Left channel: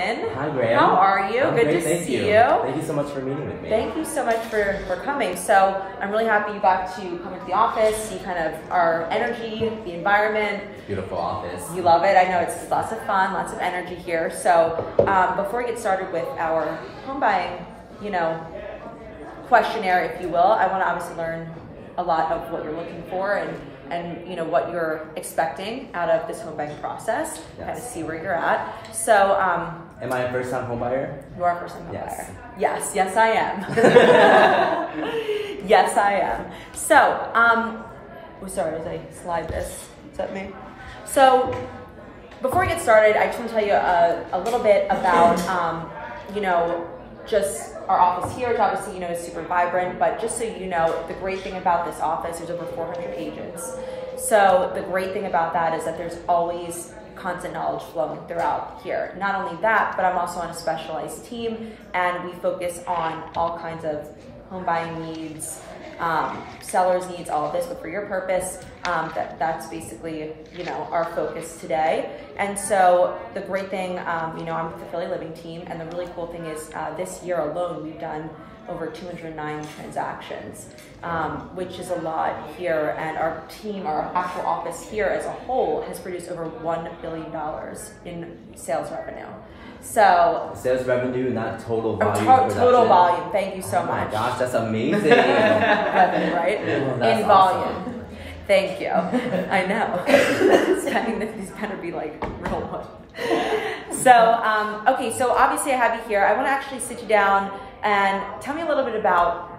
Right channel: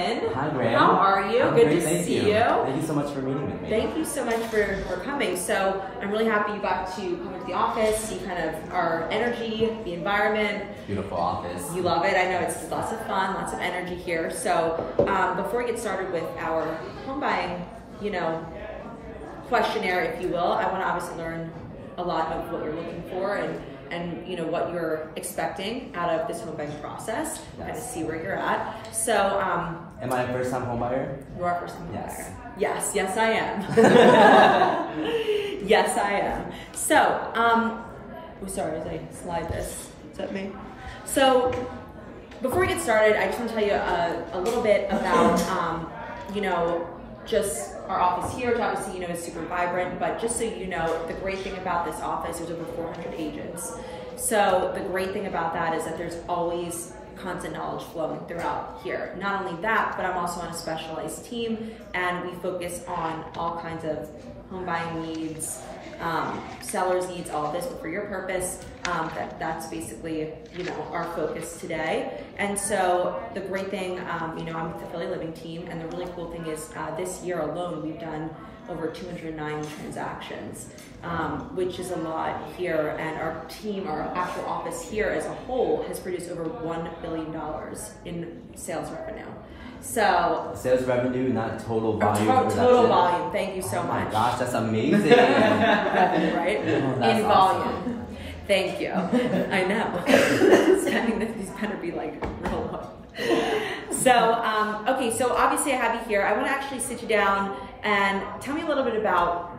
Hi, Graham. How are you? I'm Good great, to thank see you. you. Thank you so much for meeting with me. Thank you so much for coming. So I'm really happy you got to come into the office, see kind of our energy, the environment. Beautiful office. You love it. I know it's lots of fun, lots of energy here. So before we get started with our home buying, questionnaire, if you will, I want to obviously learn a lot of what you're looking for and what you're expecting out of this home buying process. Yes. Kind of see where you're at. So am I a first-time home buyer? You are a first-time home Yes. buyer. Yes, I am. Yes, I am. So, sorry, as I slide this, is that me? So, before we get started, I just want to tell you a little bit about, just our office here. It's obviously, is super vibrant, but just so you know, the great thing about this office, there's over 400 agents. So the great thing about that is that there's always constant knowledge flowing throughout here. Not only that, but I'm also on a specialized team, and we focus on all kinds of home buying needs, sellers needs, all of this, but for your purpose, that's basically, our focus today. And so the great thing, I'm with the Philly Living team, and the really cool thing is this year alone, we've done over 209 transactions, which is a lot here. And our team, our actual office here as a whole, has produced over $1 billion in sales revenue. So sales revenue, not total volume. Total volume. Thank you so much. Oh my gosh, that's amazing. Revenue, right? Oh, that's in awesome. volume. Thank you. I know. These gotta be like real one. So, okay, so obviously I have you here. I want to actually sit you down and tell me a little bit about,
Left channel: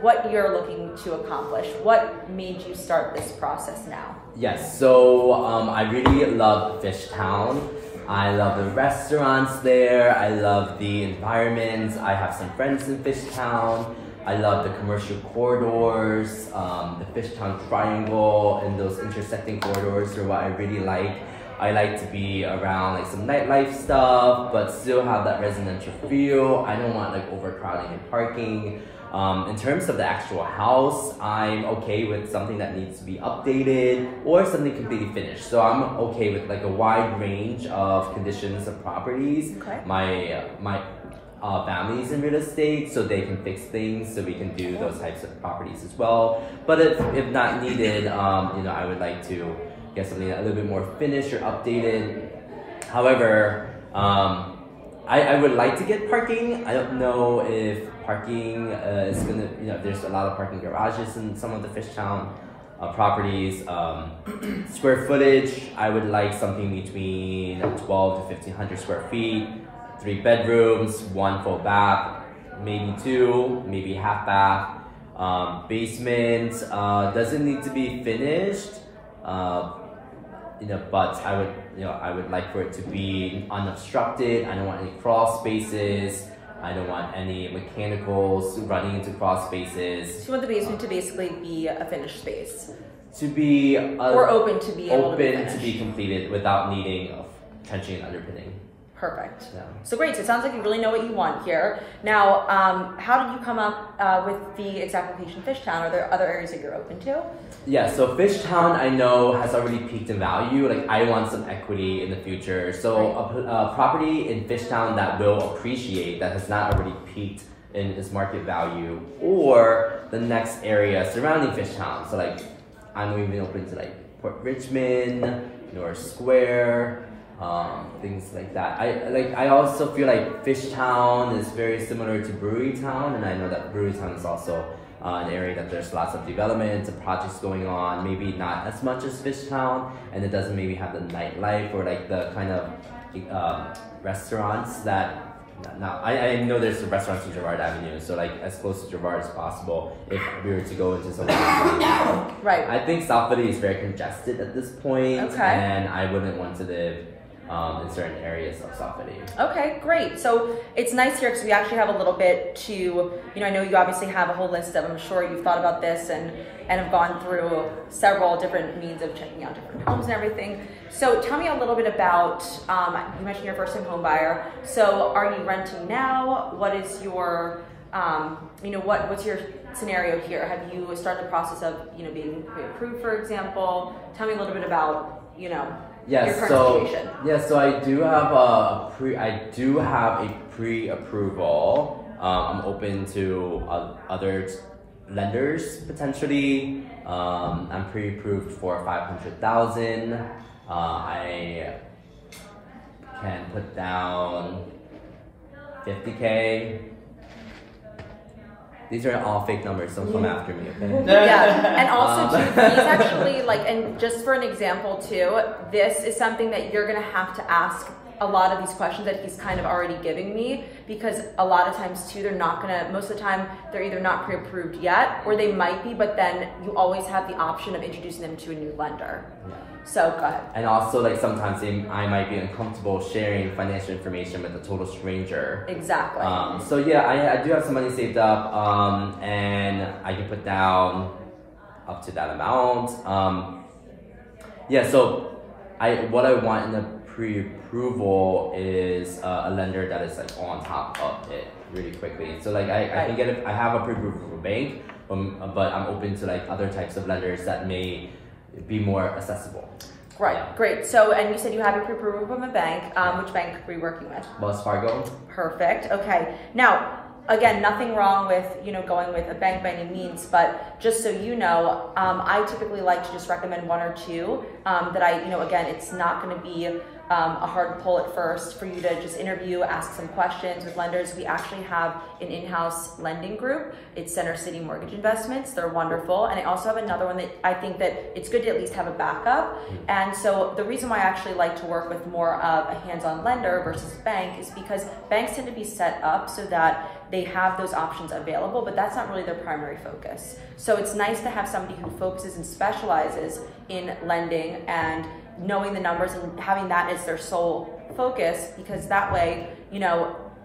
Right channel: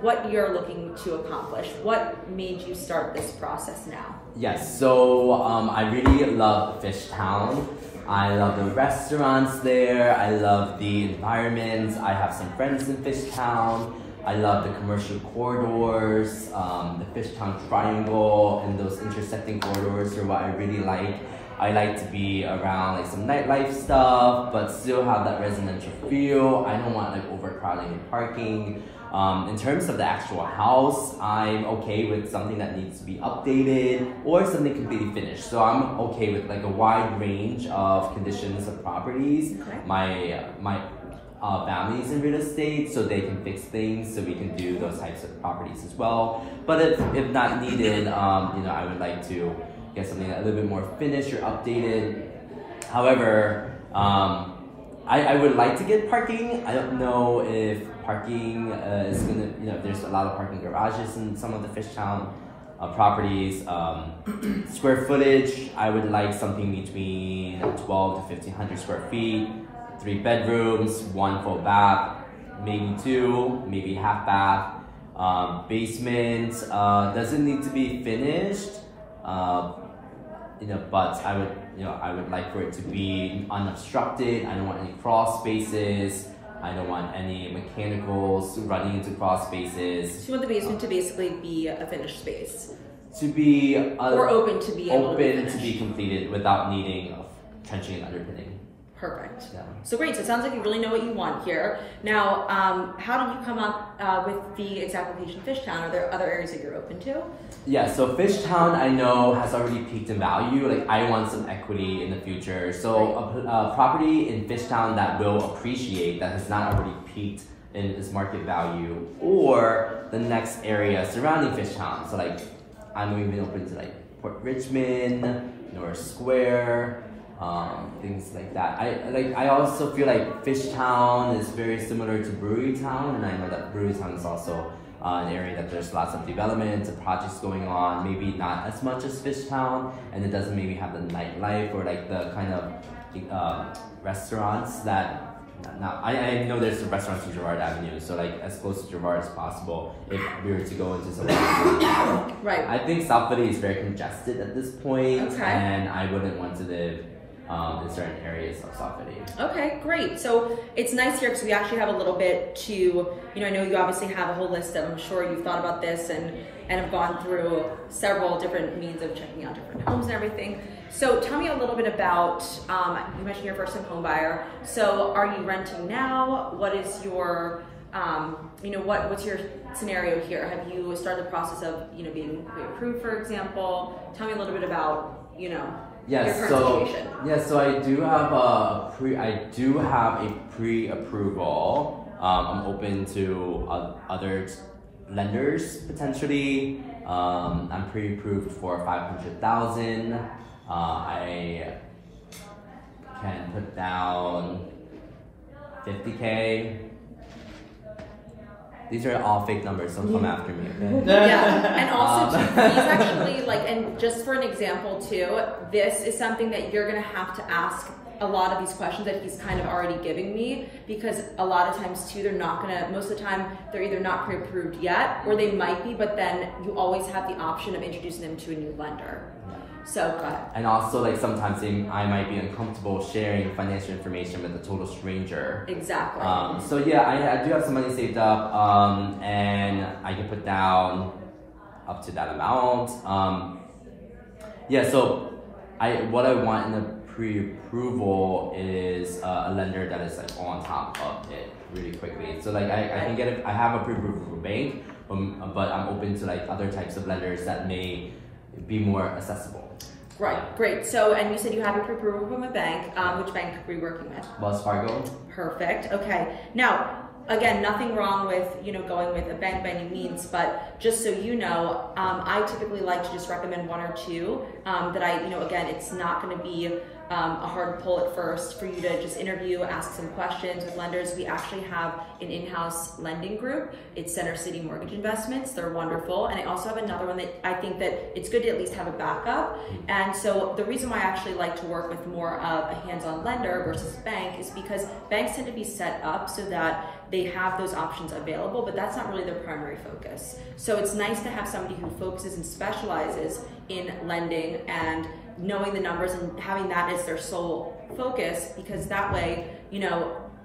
what you're looking to accomplish. What made you start this process now? Yes, so I really love Fishtown. I love the restaurants there. I love the environment. I have some friends in Fishtown. I love the commercial corridors, the Fishtown Triangle, and those intersecting corridors are what I really like. I like to be around like some nightlife stuff, but still have that residential feel. I don't want like overcrowding and parking. In terms of the actual house, I'm okay with something that needs to be updated or something completely finished. So I'm okay with like a wide range of conditions of properties. Okay. My family's in real estate, so they can fix things, so we can do those types of properties as well. But if not needed, I would like to get something a little bit more finished or updated. However, I would like to get parking. I don't know if parking is gonna, there's a lot of parking garages in some of the Fishtown properties. Square footage, I would like something between 12 to 1,500 square feet, 3 bedrooms, 1 full bath, maybe 2, maybe half bath. Basement doesn't need to be finished, but I would like for it to be unobstructed. I don't want any crawl spaces. I don't want any mechanicals running into crawl spaces. So you want the basement to basically be a finished space? To be or open to be open to be completed without needing trenching and underpinning. Perfect. Yeah. So great. So it sounds like you really know what you want here. Now, how did you come up with the exact location Fishtown? Are there other areas that you're open to? Yeah, so Fishtown I know has already peaked in value. Like I want some equity in the future. So a property in Fishtown that will appreciate, that has not already peaked in its market value, or the next area surrounding Fishtown. So like I'm even open to like Port Richmond, North Square, things like that. I also feel like Fishtown is very similar to Brewerytown, and I know that Brewerytown is also an area that there's lots of development and projects going on, maybe not as much as Fishtown, and it doesn't maybe have the nightlife or like the kind of restaurants that, now I know there's the restaurants in Girard Avenue, so like as close to Girard as possible if we were to go into some Right. I think South Philly is very congested at this point, okay. And I wouldn't want to live in certain areas of South Philly. Okay, great. So it's nice here because we actually have a little bit to, I know you obviously have a whole list of, I'm sure you've thought about this and have gone through several different means of checking out different homes and everything. So tell me a little bit about, you mentioned you're a first-time home buyer. So are you renting now? What is your, what's your scenario here? Have you started the process of, being pre-approved, for example? Tell me a little bit about, Yes, your current so situation? so I do have a pre-approval. I'm open to other lenders potentially. I'm pre-approved for 500,000. I can put down 50K. These are all fake numbers, don't come after me, okay? Yeah, and also too, these actually, and just for an example too, this is something that you're gonna have to ask a lot of these questions that he's kind of already giving me, because a lot of times too, most of the time, they're either not pre-approved yet, or they might be, but then you always have the option of introducing them to a new lender. Yeah. So go ahead. And also, sometimes I might be uncomfortable sharing financial information with a total stranger. Exactly. So yeah, I do have some money saved up, and I can put down up to that amount. So what I want in the pre-approval is a lender that is on top of it really quickly. So I can get it. I have a pre-approval from a bank, but I'm open to other types of lenders that may be more accessible. Right, Yeah. great. So, and you said you have a pre-approval from a bank. Which bank are you working with? Wells Fargo. Perfect. Okay. Now, again, nothing wrong with going with a bank by any means, but just so you know, I typically like to just recommend one or two that again, it's not going to be a hard pull at first for you to just interview, ask some questions with lenders. We actually have an in-house lending group. It's Center City Mortgage Investments. They're wonderful. And I also have another one that I think that it's good to at least have a backup. And so the reason why I actually like to work with more of a hands-on lender versus bank is because banks tend to be set up so that they have those options available, but that's not really their primary focus. So it's nice to have somebody who focuses and specializes in lending and knowing the numbers and having that as their sole focus, because that way,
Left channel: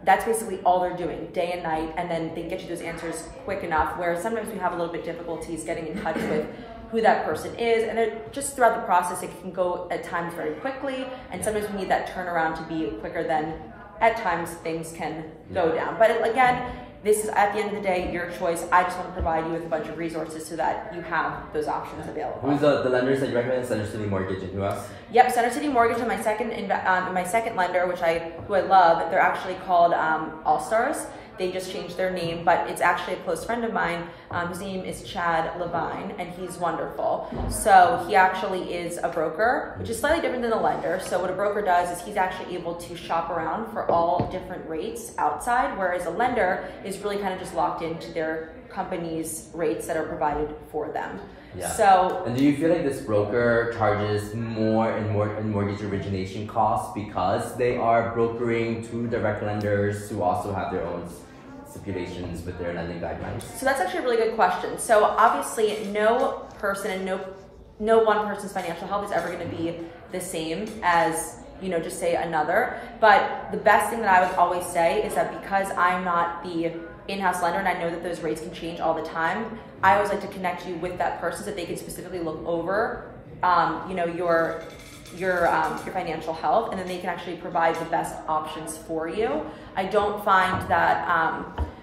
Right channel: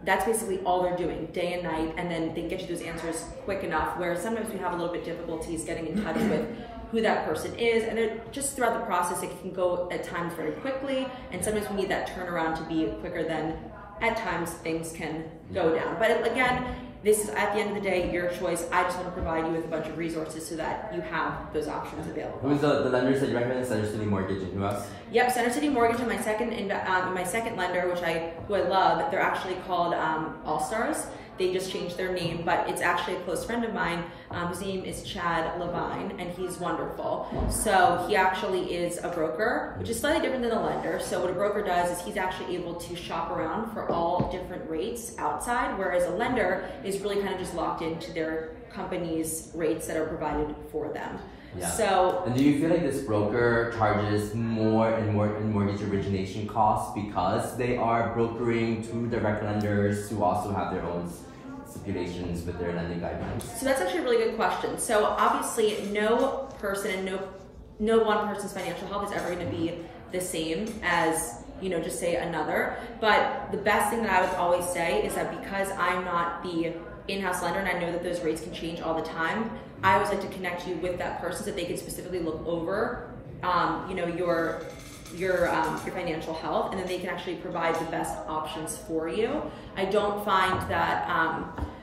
that's basically all they're doing day and night, and then they get you those answers quick enough, where sometimes we have a little bit difficulties getting in touch with who that person is, and then just throughout the process, it can go at times very quickly, and sometimes we need that turnaround to be quicker than at times things can go down. But again, this is, at the end of the day, your choice. I just want to provide you with a bunch of resources so that you have those options available. Who's the lenders that you recommend? Center City Mortgage and who else? Yep, Center City Mortgage and my second lender, who I love. They're actually called All Stars. They just changed their name, but it's actually a close friend of mine. His name is Chad Levine, and he's wonderful. So he actually is a broker, which is slightly different than a lender. So what a broker does is he's actually able to shop around for all different rates outside, whereas a lender is really kind of just locked into their company's rates that are provided for them. Yeah. So, and do you feel like this broker charges more in mortgage origination costs because they are brokering to direct lenders who also have their own stipulations with their lending guidelines? So that's actually a really good question. So obviously, no person and no one person's financial health is ever going to be the same as just say another. But the best thing that I would always say is that because I'm not the in-house lender and I know that those rates can change all the time, I always like to connect you with that person so that they can specifically look over, your financial health, and then they can actually provide the best options for you. I don't find that,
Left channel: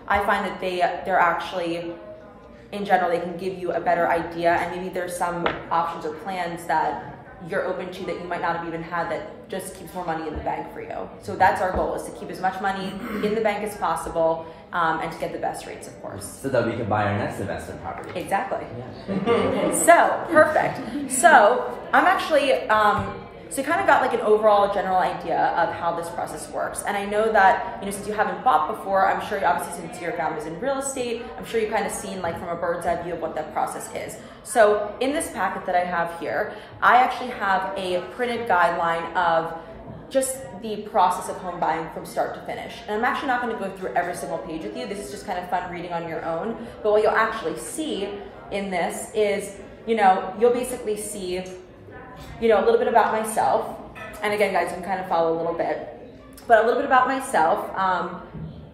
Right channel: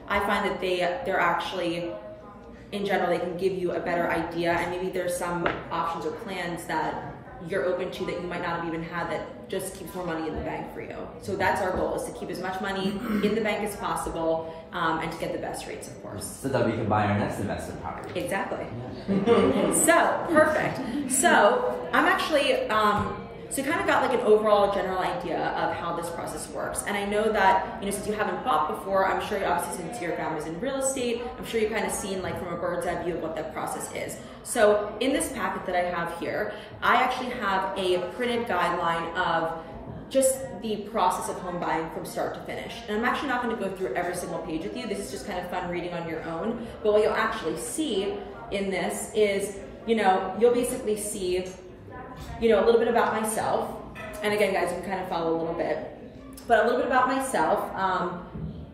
I find that they're actually, in general, they can give you a better idea, and maybe there's some options or plans that you're open to that you might not have even had that just keeps more money in the bank for you. So that's our goal, is to keep as much money in the bank as possible, and to get the best rates, of course. So that we can buy our next investment property. Exactly. Yeah, thank you. So, perfect. So, I'm actually, so kind of got like an overall general idea of how this process works. And I know that, since you haven't bought before, I'm sure obviously since your family's in real estate, I'm sure you've kind of seen like from a bird's eye view of what that process is. So in this packet that I have here, I actually have a printed guideline of just the process of home buying from start to finish. And I'm actually not going to go through every single page with you. This is just kind of fun reading on your own. But what you'll actually see in this is, you'll basically see, a little bit about myself. And again, guys, you can kind of follow a little bit. But a little bit about myself.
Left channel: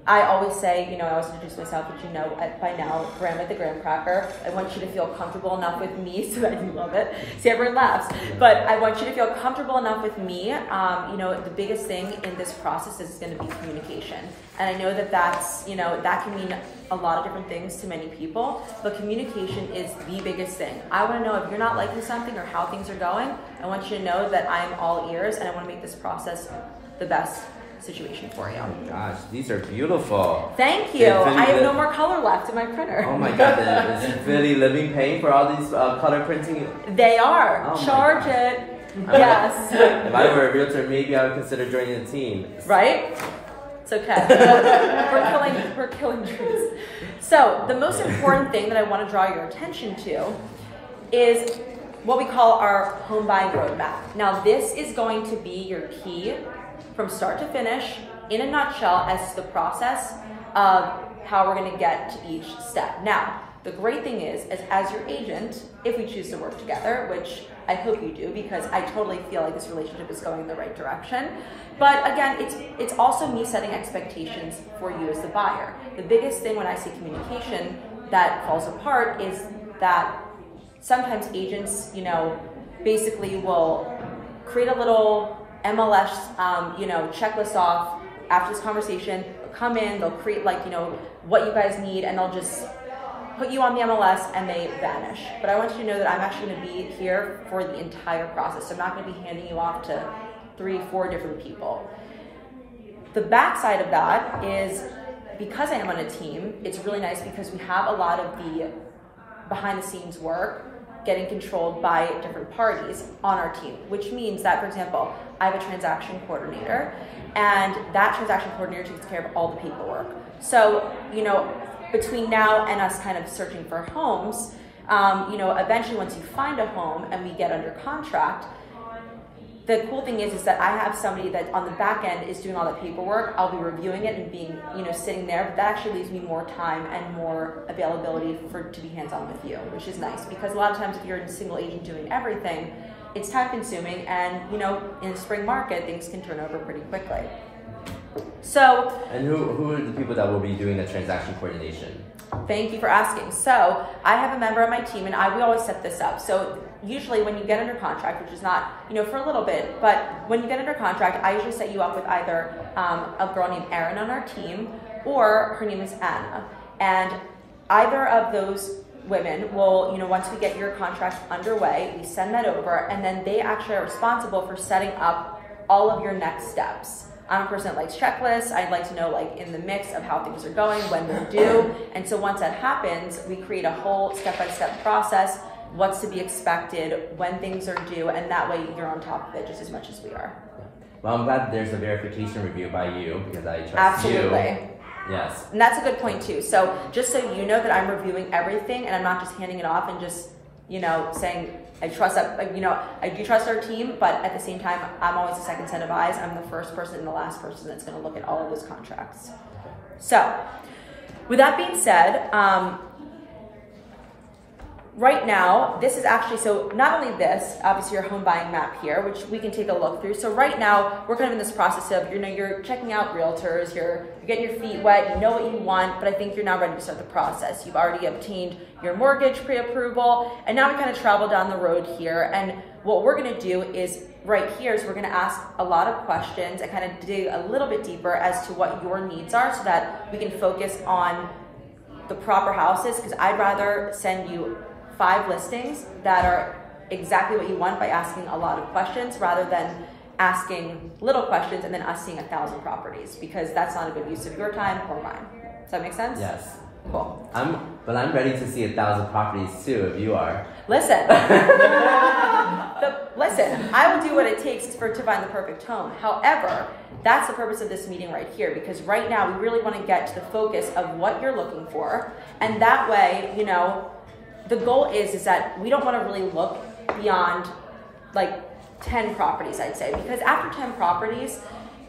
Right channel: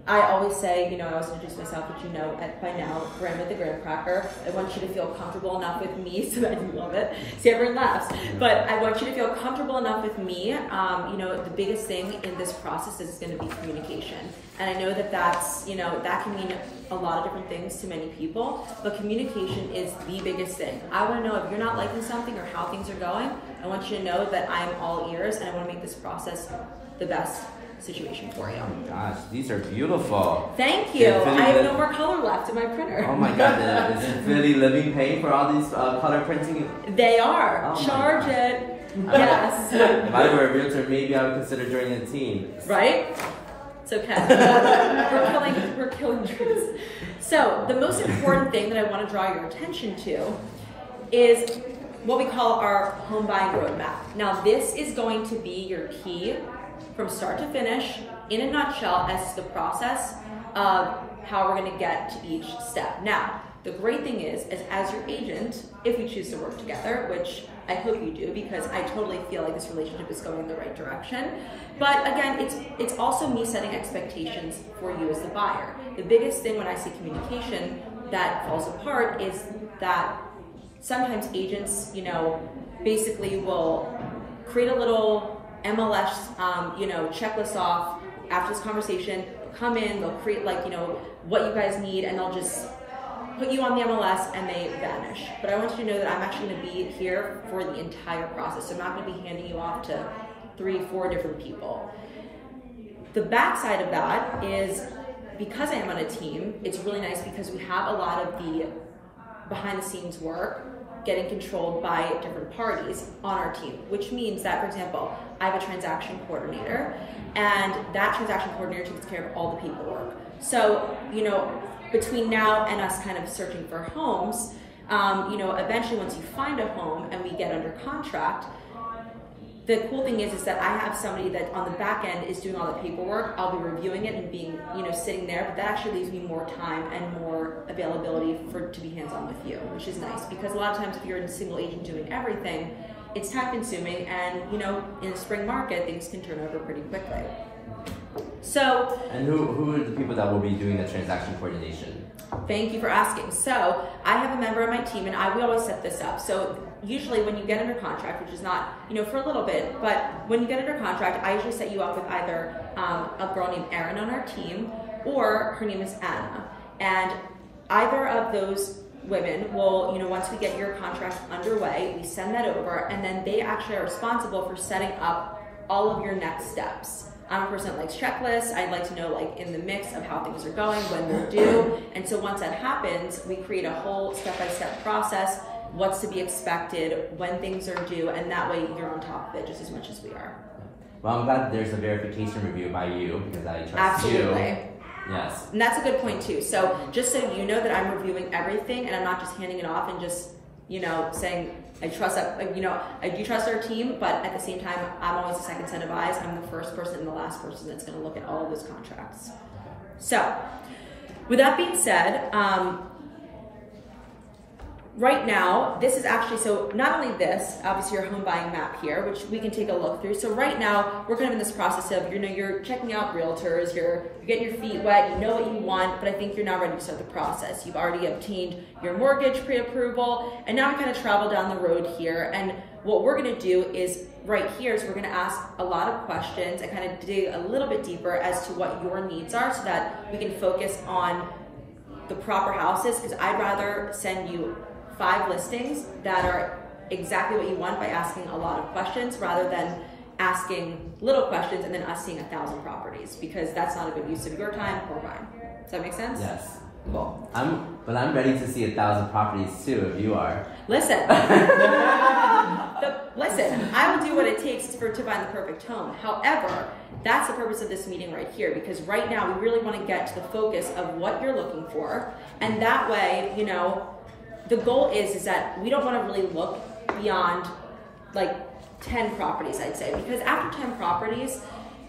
I always say, I always introduce myself, but by now, Grandma the Graham Cracker. I want you to feel comfortable enough with me so that you love it. See, everyone laughs. But I want you to feel comfortable enough with me. The biggest thing in this process is going to be communication. And I know that that's, that can mean a lot of different things to many people, but communication is the biggest thing. I want to know if you're not liking something or how things are going. I want you to know that I am all ears, and I want to make this process the best situation for you. Oh my gosh, these are beautiful. Thank you. I have no more color left in my printer. Oh my god, is Philly living paying for all these color printing? They are. Oh Charge it. Yes. If I were a realtor, maybe I would consider joining the team. Right? It's okay. we're killing trees. So the most important thing that I want to draw your attention to is what we call our home buying roadmap. Now this is going to be your key from start to finish, in a nutshell, as to the process of how we're going to get to each step. Now, the great thing is as your agent, if we choose to work together, which I hope you do, because I totally feel like this relationship is going in the right direction. But again, it's also me setting expectations for you as the buyer. The biggest thing when I say communication that falls apart is that sometimes agents, basically will create a little MLS, checklist off after this conversation. They'll come in, they'll create what you guys need, and they'll just put you on the MLS and they vanish. But I want you to know that I'm actually going to be here for the entire process. So I'm not going to be handing you off to 3-4 different people. The backside of that is, because I am on a team, it's really nice because we have a lot of the behind the scenes work getting controlled by different parties on our team, which means that, for example, I have a transaction coordinator, and that transaction coordinator takes care of all the paperwork. So, between now and us kind of searching for homes, eventually once you find a home and we get under contract, the cool thing is that I have somebody that on the back end is doing all the paperwork. I'll be reviewing it and being, sitting there, but that actually leaves me more time and more availability to be hands-on with you, which is nice, because a lot of times if you're a single agent doing everything, it's time consuming, and in the spring market, things can turn over pretty quickly. So, and who are the people that will be doing the transaction coordination? Thank you for asking. So I have a member of my team, and we always set this up. So usually when you get under contract, which is not, for a little bit, but when you get under contract, I usually set you up with either a girl named Erin on our team, or her name is Anna. And either of those women will, once we get your contract underway, we send that over, and then they actually are responsible for setting up all of your next steps. I'm a person that likes checklists. I'd like to know in the mix of how things are going, when they're due. And so once that happens, we create a whole step-by-step process, what's to be expected, when things are due, and that way you're on top of it just as much as we are. Well, I'm glad there's a verification review by you, because I trust Absolutely. you. Yes. And that's a good point too. So just so you know that I'm reviewing everything, and I'm not just handing it off and just, saying, I trust that, I do trust our team, but at the same time, I'm always a second set of eyes. I'm the first person and the last person that's going to look at all of those contracts. Okay. So, with that being said, right now, this is actually, so not only this, obviously your home buying map here, which we can take a look through. So right now, we're kind of in this process of, you're checking out realtors, you're getting your feet wet, you know what you want, but I think you're now ready to start the process. You've already obtained your mortgage pre-approval, and now we kind of travel down the road here. And what we're gonna do is, right here, is we're gonna ask a lot of questions and kind of dig a little bit deeper as to what your needs are, so that we can focus on the proper houses, because I'd rather send you 5 listings that are exactly what you want by asking a lot of questions, rather than asking little questions and then us seeing 1,000 properties, because that's not a good use of your time or mine. Does that make sense? Yes. Cool. But I'm ready to see 1,000 properties too, if you are. Listen. Listen, I will do what it takes to find the perfect home. However, that's the purpose of this meeting right here, because right now we really want to get to the focus of what you're looking for, and that way, the goal is that we don't want to really look beyond 10 properties, I'd say, because after 10 properties,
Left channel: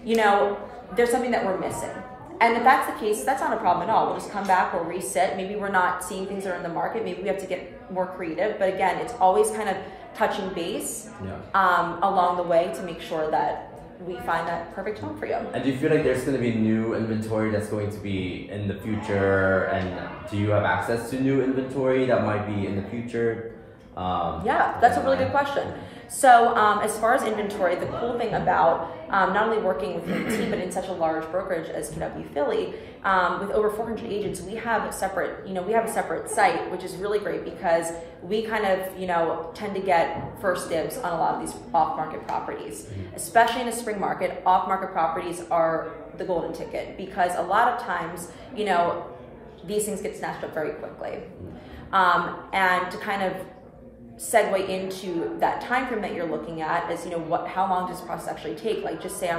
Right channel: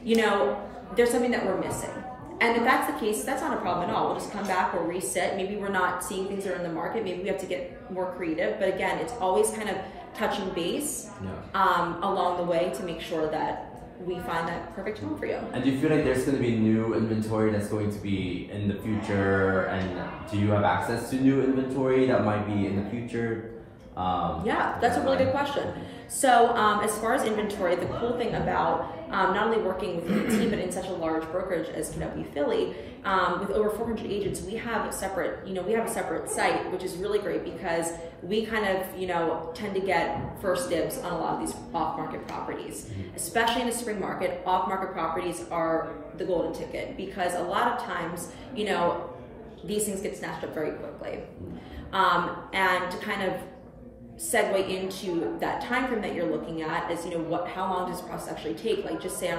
there's something that we're missing. And if that's the case, that's not a problem at all. We'll just come back, we'll reset. Maybe we're not seeing things that are in the market. Maybe we have to get more creative. But again, it's always kind of touching base along the way to make sure that we find that perfect home for you. And do you feel like there's going to be new inventory that's going to be in the future? And do you have access to new inventory that might be in the future? Yeah, that's a really good question. So as far as inventory, the cool thing about not only working with a team, but in such a large brokerage as KW Philly, with over 400 agents, we have a separate site, which is really great because we kind of, tend to get first dibs on a lot of these off-market properties. Especially in a spring market, off-market properties are the golden ticket because a lot of times, these things get snatched up very quickly. And to kind of segue into that time frame that you're looking at is, how long does this process actually take? Like, just say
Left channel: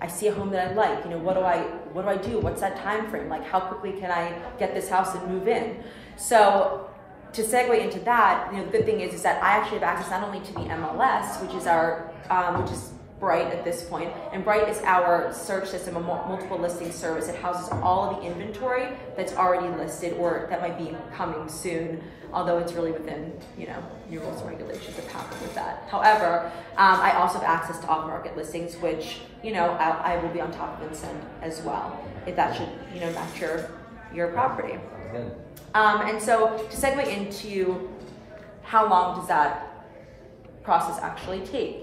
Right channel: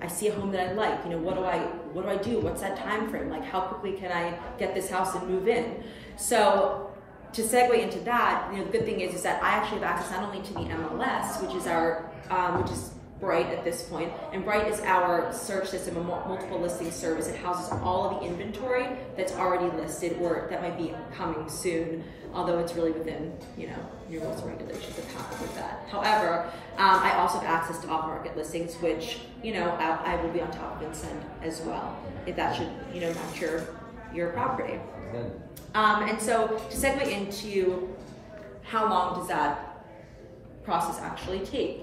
I see a home that I like, what do I do? What's that time frame? Like, how quickly can I get this house and move in? So to segue into that, the good thing is that I actually have access not only to the MLS, which is Bright at this point, and Bright is our search system, a multiple listing service. It houses all of the inventory that's already listed or that might be coming soon, although it's really within, new rules and regulations that happen with that. However, I also have access to off-market listings, which, I will be on top of and send as well, if that should, match your property. And so to segue into how long does that process actually take,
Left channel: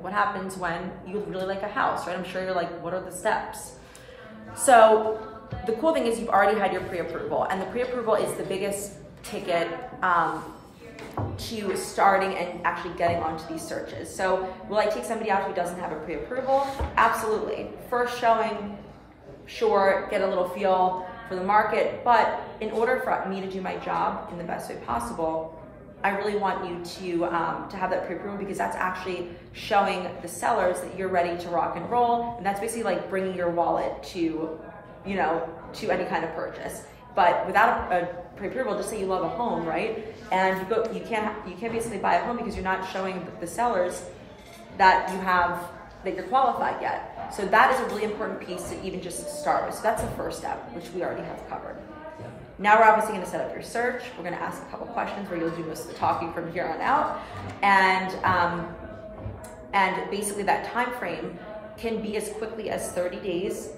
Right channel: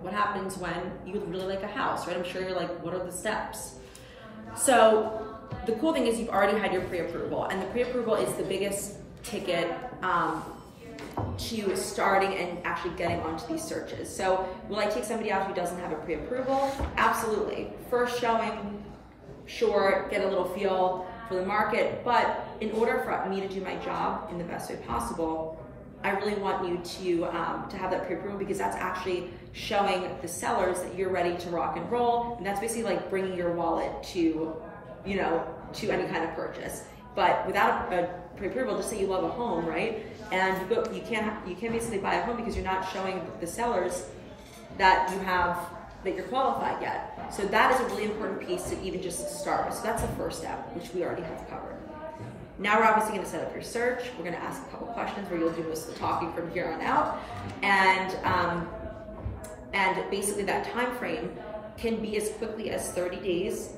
what happens when you really like a house, right? I'm sure you're like, what are the steps? So the cool thing is you've already had your pre-approval, and the pre-approval is the biggest ticket to starting and actually getting onto these searches. So will I take somebody out who doesn't have a pre-approval? Absolutely. First showing, sure, get a little feel for the market, but in order for me to do my job in the best way possible, I really want you to have that pre-approval because that's actually showing the sellers that you're ready to rock and roll, and that's basically like bringing your wallet to, to any kind of purchase. But without a pre-approval, just say you love a home, right? And you can't basically buy a home because you're not showing the sellers that you're qualified yet. So that is a really important piece to even just start with. So that's the first step, which we already have covered. Now we're obviously going to set up your search. We're going to ask a couple questions where you'll do most of the talking from here on out, and basically that time frame can be as quickly as 30 days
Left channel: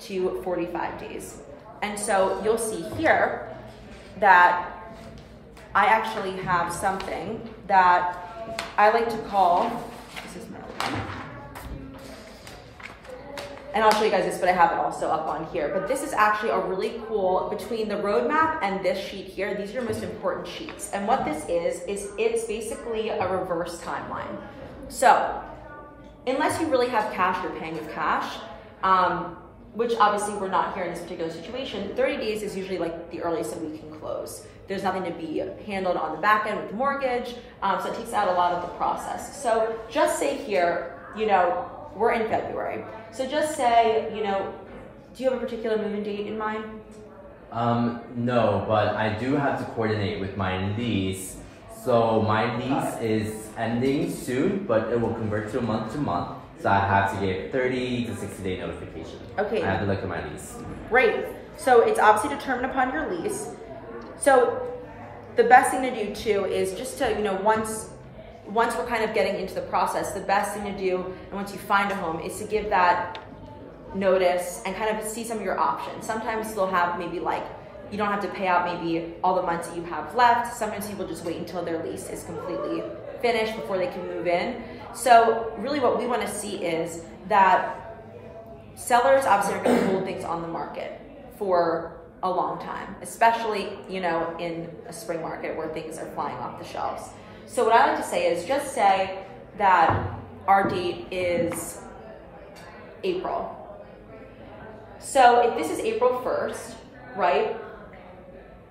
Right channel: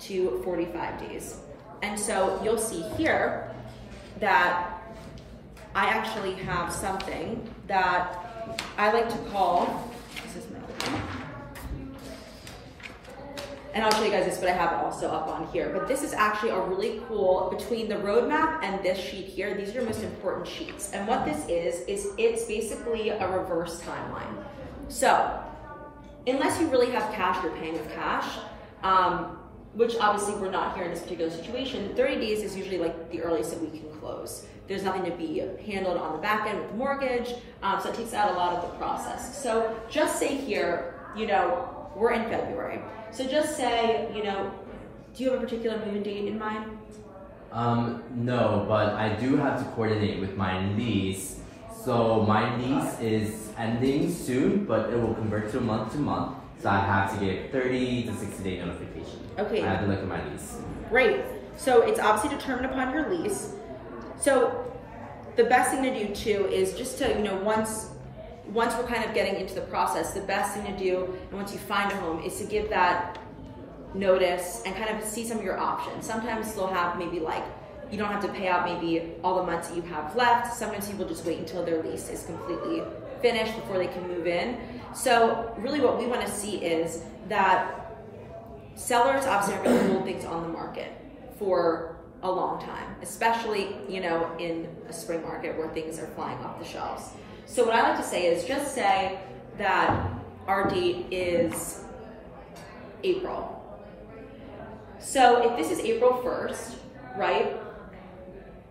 to 45 days. And so you'll see here that I actually have something that I like to call, this is my one. And I'll show you guys this, but I have it also up on here. But this is actually a really cool, between the roadmap and this sheet here, these are your most important sheets. And what this is it's basically a reverse timeline. So unless you really have cash, you're paying with cash, which obviously we're not here in this particular situation, 30 days is usually like the earliest that we can close. There's nothing to be handled on the back end with the mortgage, so it takes out a lot of the process. So just say here, we're in February. So just say, do you have a particular move-in date in mind? No, but I do have to coordinate with my lease. So my lease is ending soon, but it will convert to month. So I have to give 30 to 60 day notification. Okay. I have to look at my lease. Great. So it's obviously determined upon your lease. So the best thing to do too is just to, once we're kind of getting into the process, the best thing to do, and once you find a home, is to give that notice and kind of see some of your options. Sometimes they'll have maybe like, you don't have to pay out maybe all the months that you have left. Sometimes people just wait until their lease is completely finished before they can move in. So really what we want to see is that sellers obviously are going to hold things on the market for a long time, especially, in a spring market where things are flying off the shelves. So what I like to say is just say that our date is April. So if this is April 1st, right?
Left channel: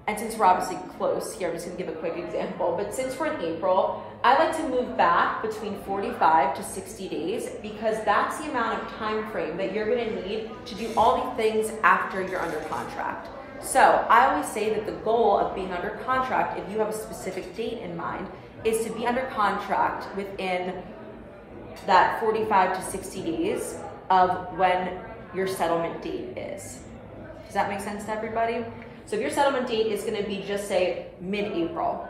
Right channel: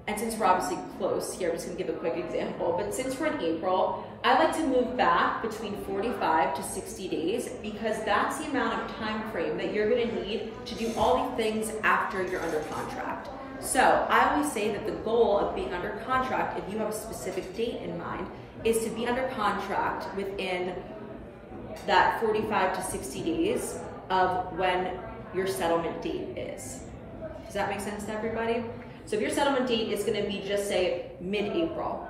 And since we're obviously close here, I'm just gonna give a quick example, but since we're in April, I like to move back between 45 to 60 days because that's the amount of time frame that you're gonna need to do all the things after you're under contract. So I always say that the goal of being under contract, if you have a specific date in mind, is to be under contract within that 45 to 60 days of when your settlement date is. Does that make sense to everybody? So if your settlement date is going to be, just say, mid-April,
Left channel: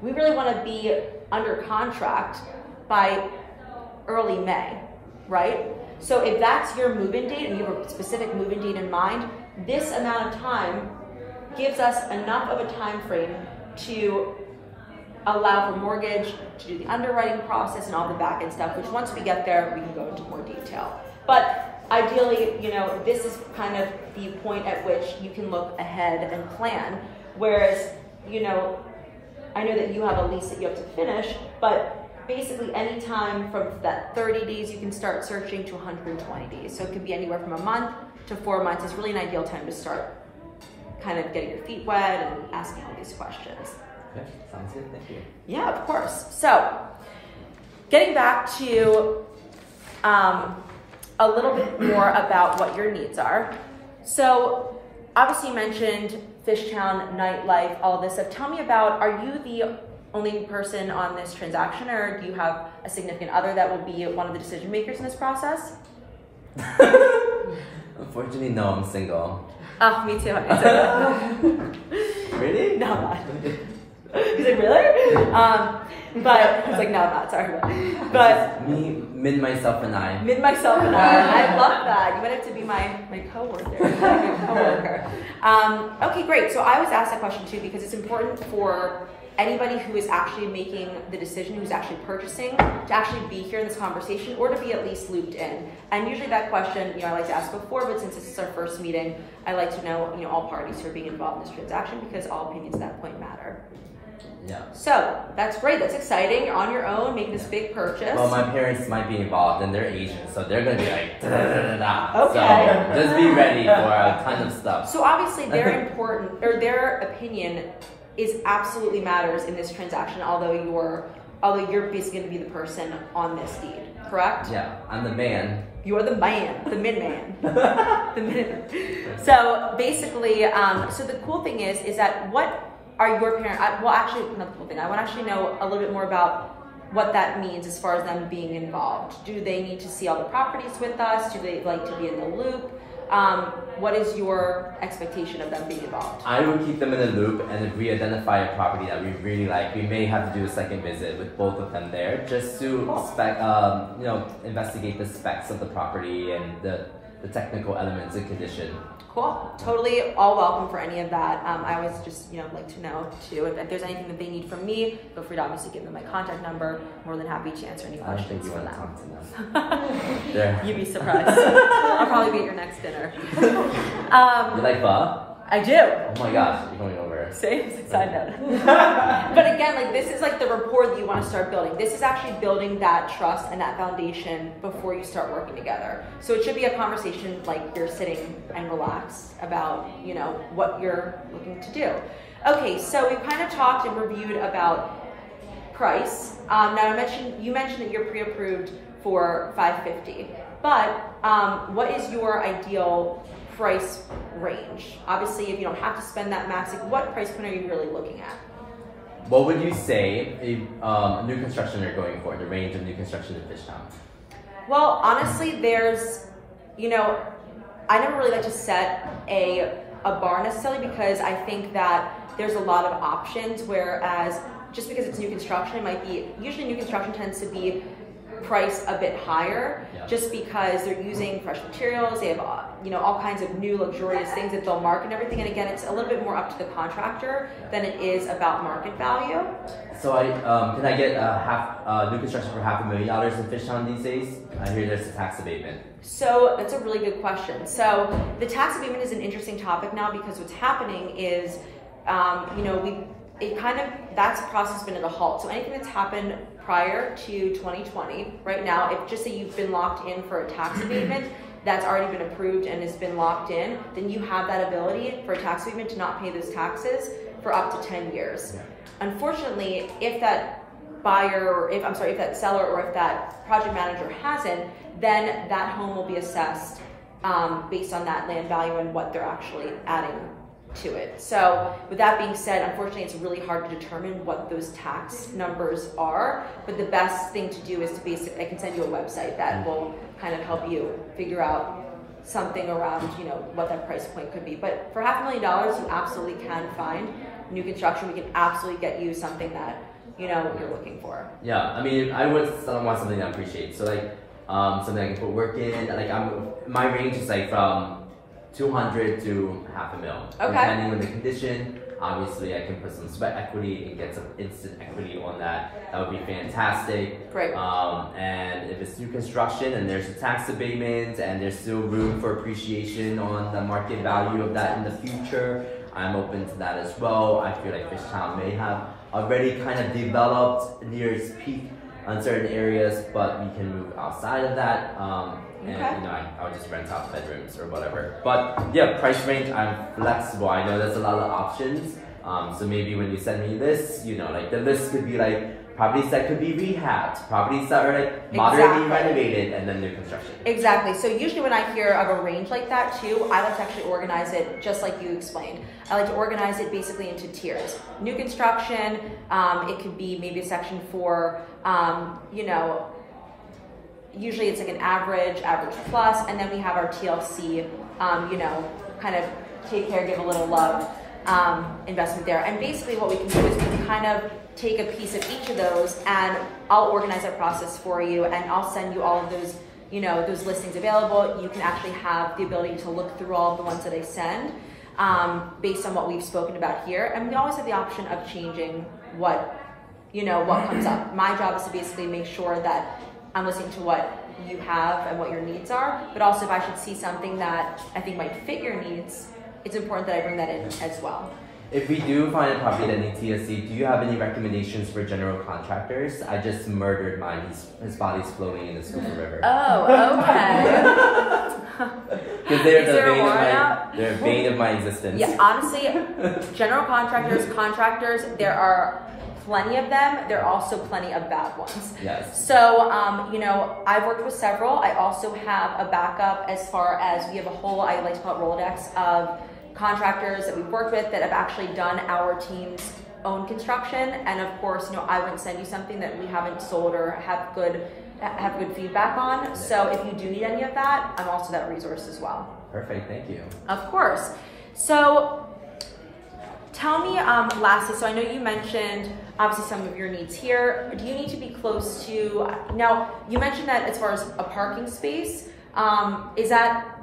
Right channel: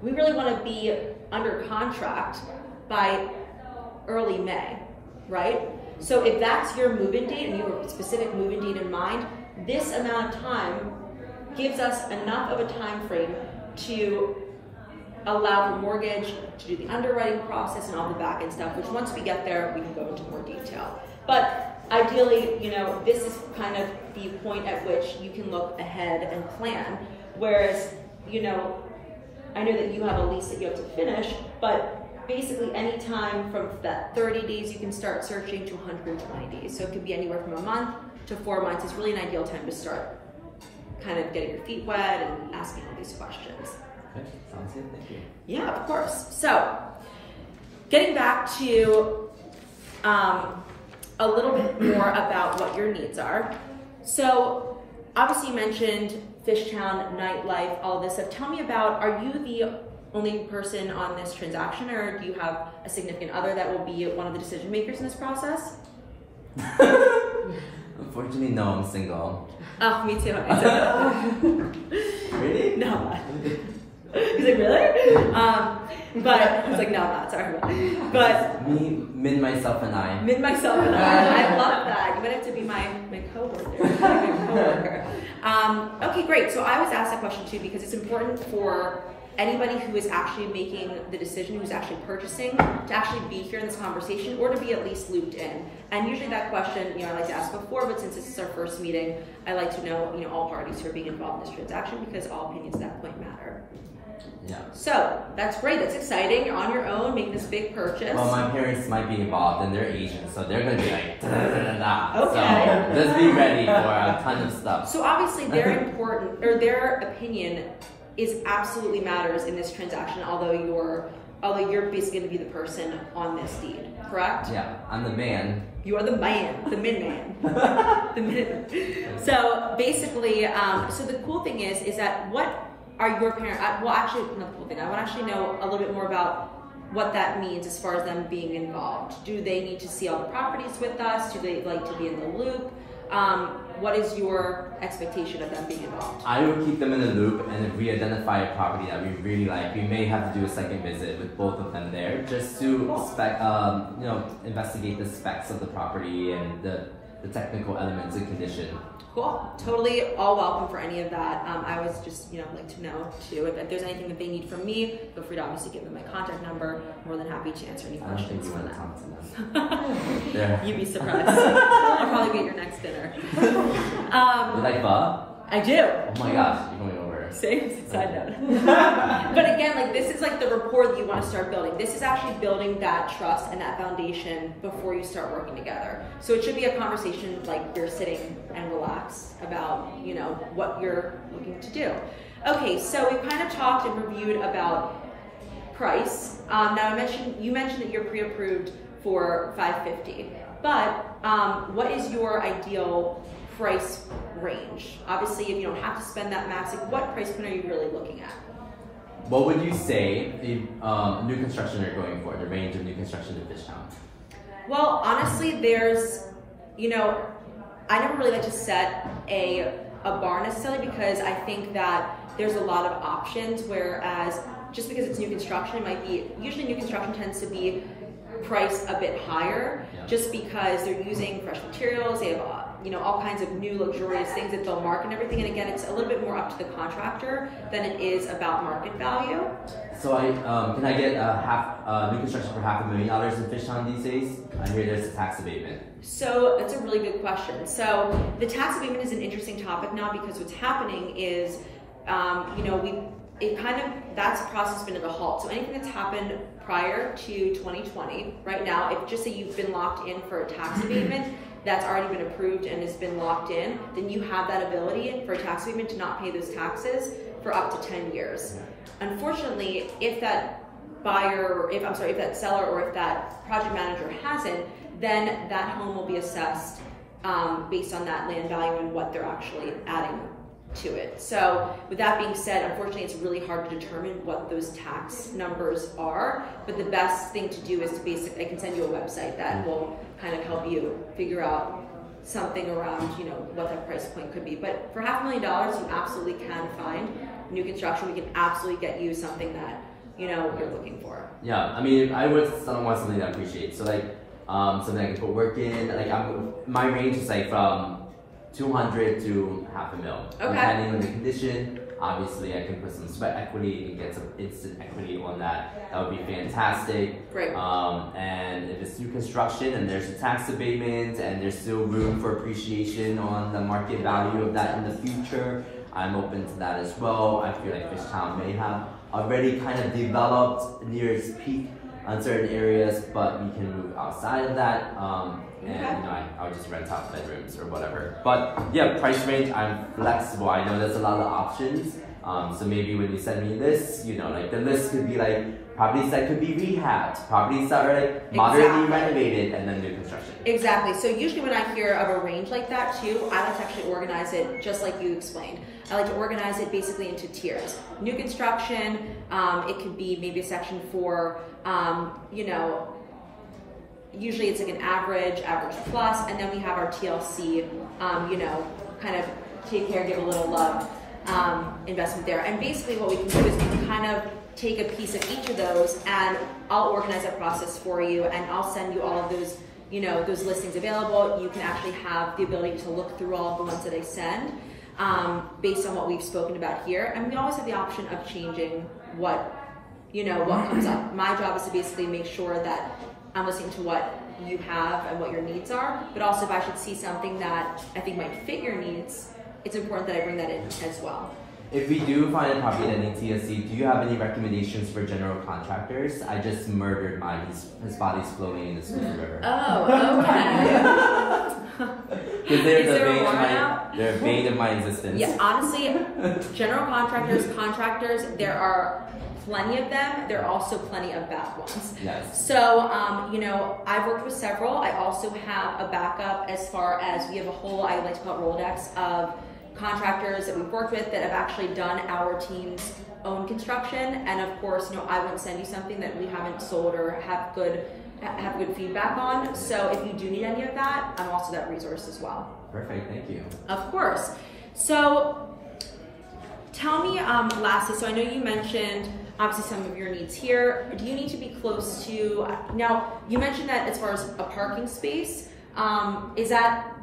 we really want to be under contract by early May. right? So if that's your move-in date and you have a specific move-in date in mind, this amount of time gives us enough of a time frame to allow for mortgage, to do the underwriting process and all the back end stuff, which once we get there, we can go into more detail. But ideally, you know, this is kind of the point at which you can look ahead and plan. Whereas, you know, I know that you have a lease that you have to finish, but basically any time from that 30 days, you can start searching to 120 days. So it could be anywhere from a month to 4 months. It's really an ideal time to start kind of getting your feet wet and asking all these questions. Okay, sounds good, thank you. Yeah, of course. So getting back to a little bit more about what your needs are. So obviously you mentioned Fishtown, nightlife, all this stuff. Tell me about, are you the only person on this transaction, or do you have a significant other that will be one of the decision makers in this process? Unfortunately, no, I'm single. Oh, me too. Really? No. He's like, really? But he's like, no, I'm not, sorry. But me, Min, myself, and I. Min, myself, and I love that. You might have to be my coworker. Okay, great. So I was asked that question too because it's important for anybody who is actually making the decision, who's actually purchasing, to actually be here in this conversation or to be at least looped in. And usually that question, you know, I like to ask before, but since this is our first meeting, I like to know, you know, all parties who are being involved in this transaction because all opinions at that point matter. Yeah. So that's great. That's exciting. You're on your own, making this big purchase. Well, my parents might be involved and they're Asian, so they're gonna be like, da, da, da, da. Okay. So just be ready for a ton of stuff. So obviously they're important, or their opinion is absolutely matters in this transaction, although you're basically gonna be the person on this deed, correct? Yeah, I'm the man. You are the man, the min-man. The min. So basically, so the cool thing is that what are your parents, well actually, not the cool thing, I want to actually know a little bit more about what that means as far as them being involved. Do they need to see all the properties with us? Do they like to be in the loop? What is your expectation of them being involved? I would keep them in the loop, and if we identify a property that we really like, we may have to do a second visit with both of them there, just to you know, investigate the specs of the property and the technical elements and condition. Cool. Totally all welcome for any of that. I always just, you know, like to know too. If there's anything that they need from me, feel free to obviously give them my contact number. More than happy to answer any questions. I don't think you want to talk to them. You'd be surprised. I'll probably be at your next dinner. You like pho? I do. Oh my gosh, you're going over. Same side note. But again, like this is like the rapport that you want to start building. This is actually building that trust and that foundation before you start working together. So it should be a conversation like you're sitting and relaxed about, you know, what you're looking to do. Okay, so we kind of talked and reviewed about price. Now you mentioned that you're pre-approved for $550, but what is your ideal price range? Obviously, if you don't have to spend that max, like what price point are you really looking at? What would you say a new construction you're going for, the range of new construction in Fishtown? Well, honestly, there's, you know, I never really like to set a bar necessarily because I think that there's a lot of options, whereas just because it's new construction, it might be, usually new construction tends to be priced a bit higher, just because they're using fresh materials, they have you know, all kinds of new luxurious things that they'll market and everything, and again, it's a little bit more up to the contractor than it is about market value. So can I get new construction for $500,000 in Fishtown these days? I hear there's a tax abatement. So that's a really good question. So the tax abatement is an interesting topic now because what's happening is, you know, that's process been at a halt. So anything that's happened prior to 2020, right now, if just say you've been locked in for a tax abatement that's already been approved and has been locked in, then you have that ability for a tax abatement to not pay those taxes for up to 10 years. Yeah. Unfortunately, if that buyer, if that seller or if that project manager hasn't, then that home will be assessed based on that land value and what they're actually adding to it. So with that being said, unfortunately, it's really hard to determine what those tax numbers are, but the best thing to do is to I can send you a website that will kind of help you figure out something around, you know, what that price point could be. But for $500,000, you absolutely can find new construction. We can absolutely get you something that, you know, you're looking for. Yeah, I mean, I would want something that I appreciate. So like, something I can put work in. Like my range is like from 200 to $500,000, depending on the condition. Obviously, I can put some sweat equity and get some instant equity on that. That would be fantastic. Great. And if it's new construction and there's a tax abatement and there's still room for appreciation on the market value of that in the future, I'm open to that as well. I feel like Fishtown may have already kind of developed near its peak on certain areas, but we can move outside of that. And you know, I'll just rent out bedrooms or whatever. But yeah, price range, I'm flexible. I know there's a lot of options. So maybe when you send me lists, you know, like the list could be like properties that could be rehabbed, properties that are like moderately renovated, and then new construction. Exactly. So usually when I hear of a range like that too, I like to actually organize it just like you explained. I like to organize it basically into tiers. New construction, it could be maybe a section for, you know, usually it's like an average plus, and then we have our TLC, you know, kind of take care, give a little love investment there. And basically what we can do is we can kind of take a piece of each of those, and I'll organize that process for you, and I'll send you all of those, you know, those listings available. You can actually have the ability to look through all of the ones that I send based on what we've spoken about here. And we always have the option of changing what, you know, what comes up. My job is to basically make sure that I'm listening to what you have and what your needs are, but also if I should see something that I think might fit your needs, it's important that I bring that in as well. If we do find a property that needs TLC, do you have any recommendations for general contractors? I just murdered mine. His body's floating in the Schuylkill River. Oh, okay. Because they're the bane of my existence. Yeah, honestly, general contractors, there are plenty of them. There are also plenty of bad ones. Yes. So, you know, I've worked with several. I also have a backup as far as we have a whole, I like to call it Rolodex, of contractors that we've worked with that have actually done our team's own construction. And of course, you know, I wouldn't send you something that we haven't sold or have good feedback on. So if you do need any of that, I'm also that resource as well. Perfect, thank you. Of course. So tell me, lastly, so I know you mentioned obviously some of your needs here. Do you need to be close to, now you mentioned that as far as a parking space, is that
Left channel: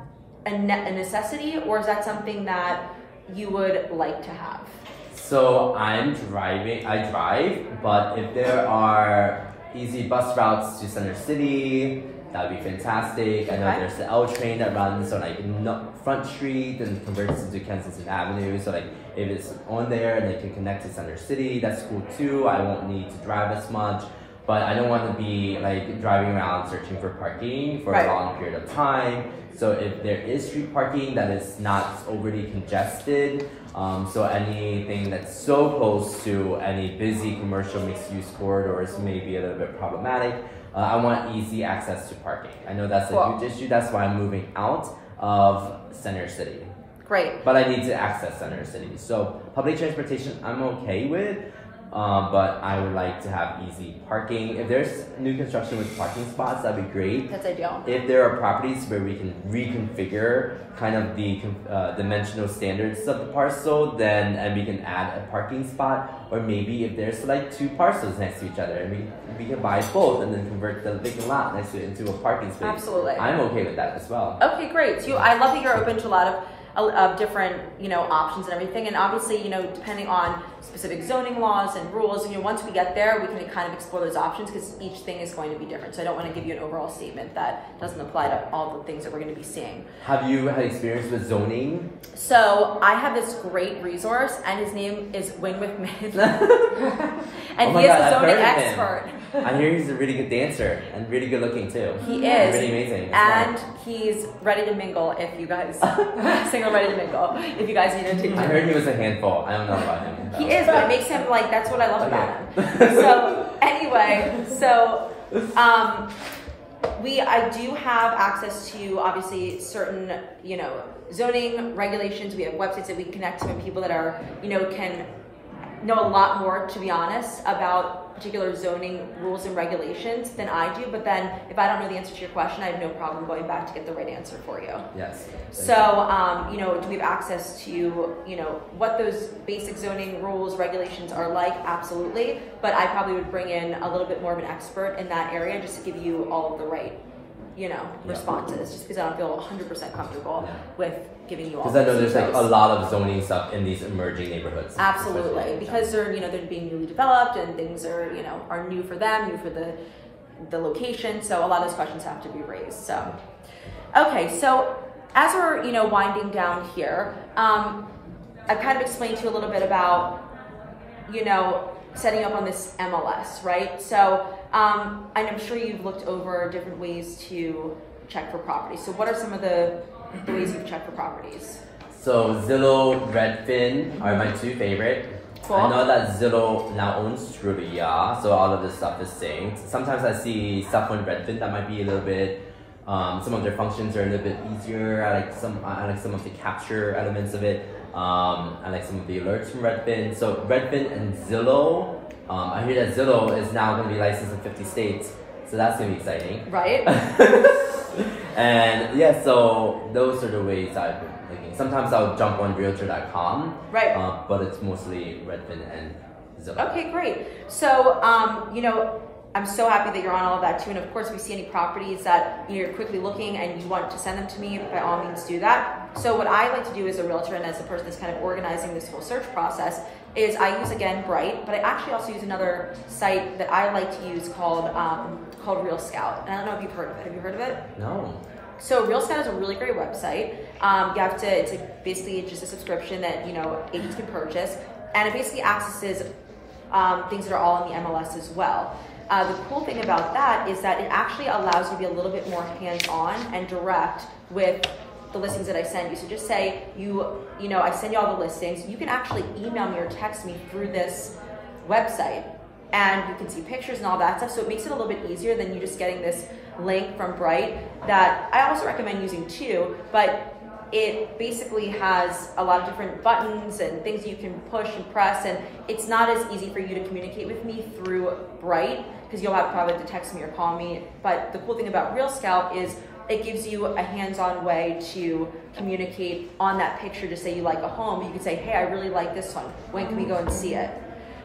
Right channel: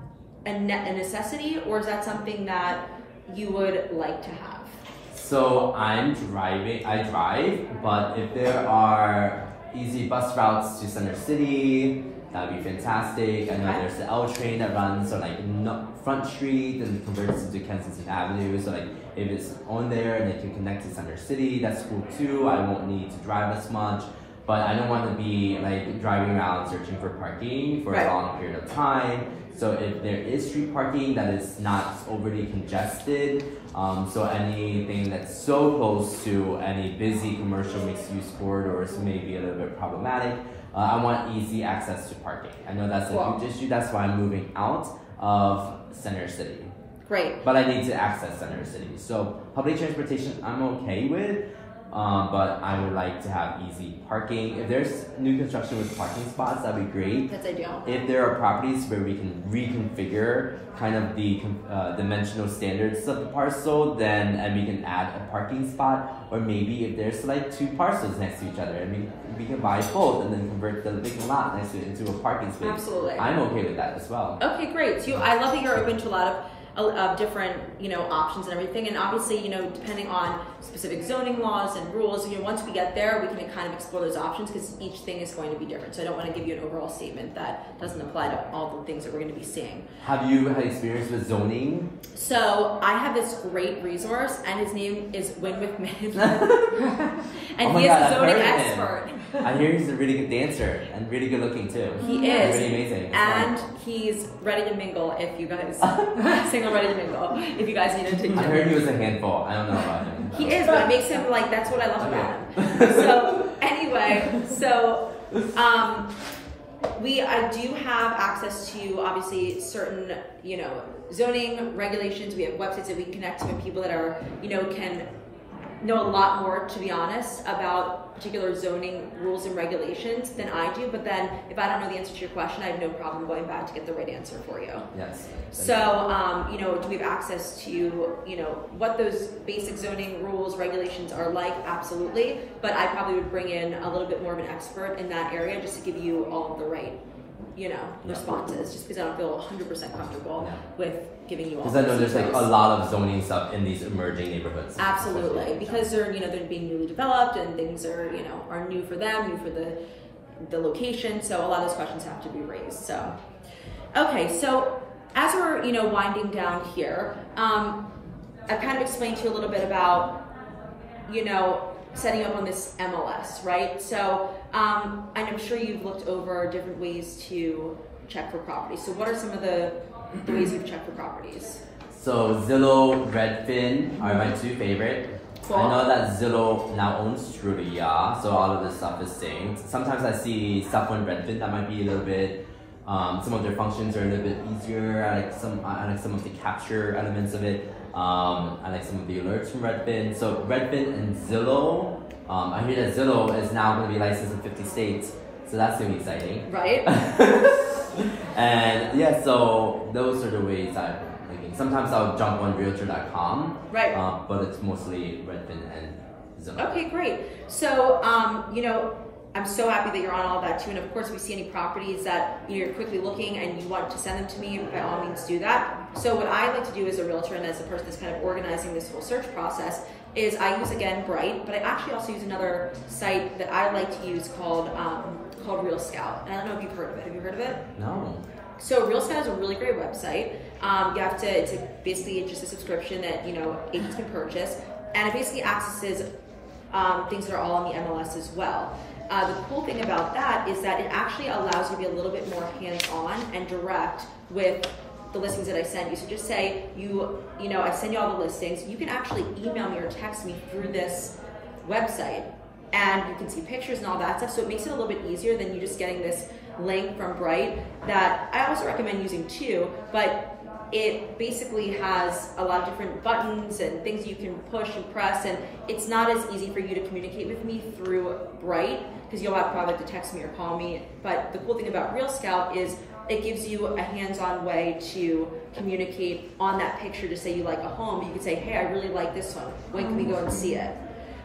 a necessity, or is that something that you would like to have? So I drive, but if there are easy bus routes to Center City, that would be fantastic. I know there's the L train that runs on like Front Street and converts into Kensington Avenue. So like if it's on there and it can connect to Center City, that's cool too. I won't need to drive as much, but I don't want to be like driving around searching for parking for a long period of time. So if there is street parking that is not overly congested, so anything that's so close to any busy commercial mixed-use corridors may be a little bit problematic. I want easy access to parking. I know that's a huge issue. That's why I'm moving out of Center City. Great. But I need to access Center City. So public transportation I'm okay with, but I would like to have easy parking. If there's new construction with parking spots, that'd be great. That's ideal. If there are properties where we can reconfigure kind of the dimensional standards of the parcel, and we can add a parking spot, or maybe if there's like two parcels next to each other, and we can buy both and then convert the vacant lot next to it into a parking space. Absolutely. I'm okay with that as well. Okay, great. So I love that you're open to a lot of different, you know, options and everything. And obviously, you know, depending on specific zoning laws and rules, you know, once we get there, we can kind of explore those options because each thing is going to be different. So I don't want to give you an overall statement that doesn't apply to all the things that we're going to be seeing. Have you had experience with zoning? So I have this great resource, and his name is Win with Minh. And oh he is God, a zoning expert. I hear he's a really good dancer and really good looking too. He is. Really amazing. And he's ready to mingle if you guys, single ready to mingle, if you guys need to take I heard he was a handful. I don't know about him. He is, but it makes him like, that's what I love about him. So anyway, I do have access to obviously certain, you know, zoning regulations. We have websites that we can connect to and people that are, you know, can know a lot more, to be honest, about particular zoning rules and regulations than I do. But then if I don't know the answer to your question, I have no problem going back to get the right answer for you. Yes. So, you know, do we have access to, you know, what those basic zoning rules, regulations are like? Absolutely. But I probably would bring in a little bit more of an expert in that area just to give you all of the right responses, just because I don't feel 100% comfortable with giving you all. Because I know there's like a lot of zoning stuff in these emerging neighborhoods. Absolutely, because they're they're being newly developed and things are are new for them, new for the location. So a lot of those questions have to be raised. So okay, so as we're winding down here, I've kind of explained to you a little bit about setting up on this MLS, right? So I'm sure you've looked over different ways to check for properties. So what are some of the ways you've checked for properties? So Zillow, Redfin are my two favorite. Cool. I know that Zillow now owns Trulia, so all of this stuff is synced. Sometimes I see stuff on Redfin that might be a little bit, some of their functions are a little bit easier. I like some of the capture elements of it. I like some of the alerts from Redfin. So Redfin and Zillow, I hear that Zillow is now going to be licensed in 50 states, so that's going to be exciting. Right. And yeah, so those are the ways I've been looking. Sometimes I'll jump on realtor.com, right? But it's mostly Redfin and Zillow. Okay, great. So, I'm so happy that you're on all of that too. And of course, if you see any properties that you're quickly looking and you want to send them to me, by all means do that. So what I like to do as a realtor and as the person that's kind of organizing this whole search process is I use, again, Bright, but I actually also use another site that I like to use called Real Scout. And I don't know if you've heard of it. Have you heard of it? No. So Real Scout is a really great website. You have to, it's basically just a subscription that, agents can purchase. And it basically accesses things that are all in the MLS as well. The cool thing about that is that it actually allows you to be a little bit more hands-on and direct with the listings that I send you. So just say I send you all the listings. You can actually email me or text me through this website, and you can see pictures and all that stuff. So it makes it a little bit easier than you just getting this link from Bright that I also recommend using too, but it basically has a lot of different buttons and things you can push and press, and it's not as easy for you to communicate with me through Bright because you'll have probably to text me or call me. But the cool thing about Real Scout is it gives you a hands-on way to communicate on that picture. To say you like a home, you can say, hey, I really like this one. When can we go and see it?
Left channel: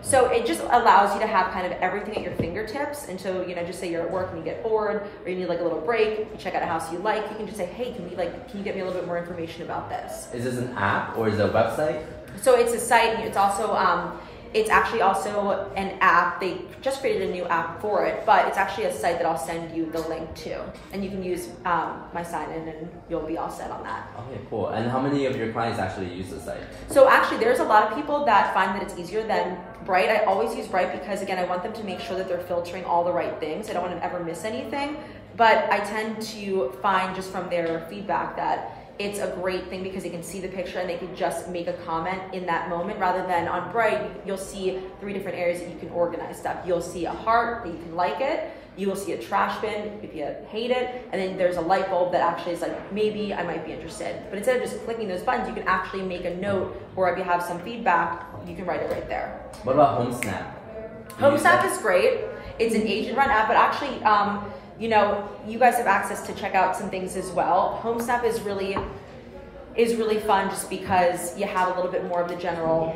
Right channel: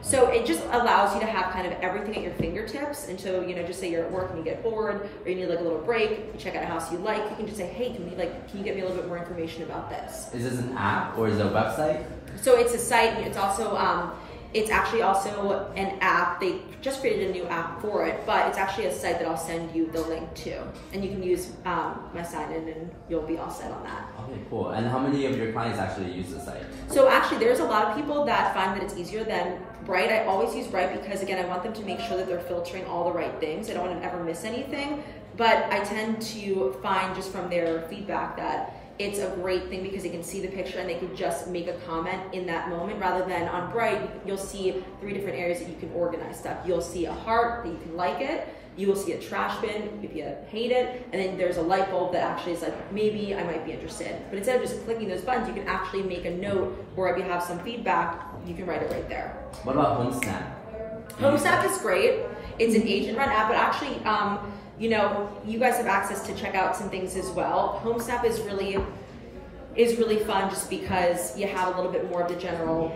So it just allows you to have kind of everything at your fingertips until, just say you're at work and you get bored, or you need like a little break, you check out a house you like, you can just say, hey, can you get me a little bit more information about this? Is this an app or is it a website? So it's a site, it's also, it's actually also an app. They just created a new app for it, but it's actually a site that I'll send you the link to. And you can use my sign-in and you'll be all set on that. Okay, cool. And how many of your clients actually use the site? So actually, there's a lot of people that find that it's easier than Bright. I always use Bright because, again, I want them to make sure that they're filtering all the right things. I don't want to ever miss anything. But I tend to find just from their feedback that it's a great thing because they can see the picture and they can just make a comment in that moment, rather than on Bright, you'll see 3 different areas that you can organize stuff. You'll see a heart that you can like it, you will see a trash bin if you hate it, and then there's a light bulb that actually is like, maybe I might be interested. But instead of just clicking those buttons, you can actually make a note, or if you have some feedback, you can write it right there. What about HomeSnap? HomeSnap is great. It's an agent-run app, but actually, you guys have access to check out some things as well. HomeSnap is really fun just because you have a little bit more of the general,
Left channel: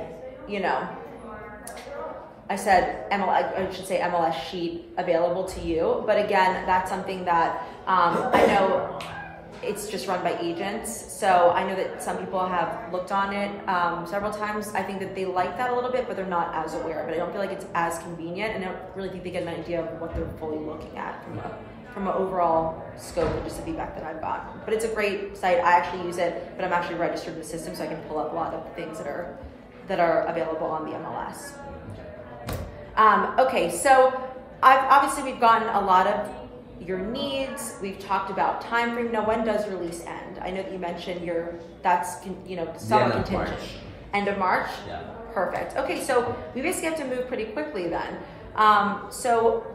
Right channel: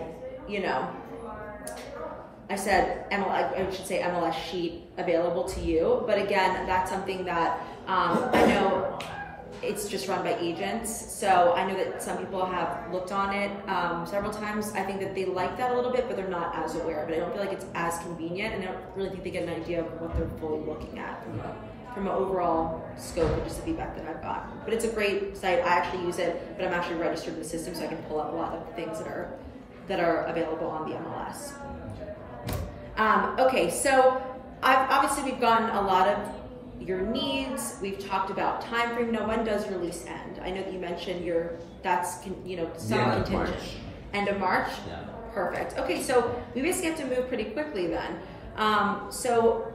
I said MLS sheet available to you. But again, that's something that I know it's just run by agents. So I know that some people have looked on it several times. I think that they like that a little bit, but they're not as aware of it. I don't feel like it's as convenient, and I don't really think they get an idea of what they're fully looking at from an overall scope of just the feedback that I've gotten. But it's a great site. I actually use it, but I'm actually registered in the system, so I can pull up a lot of things that are available on the MLS. Okay, so obviously we've gotten a lot of your needs. We've talked about time frame. Now, when does release end? I know that you mentioned that's somewhat contingent. End of March? Yeah. Perfect. Okay, so we basically have to move pretty quickly then. So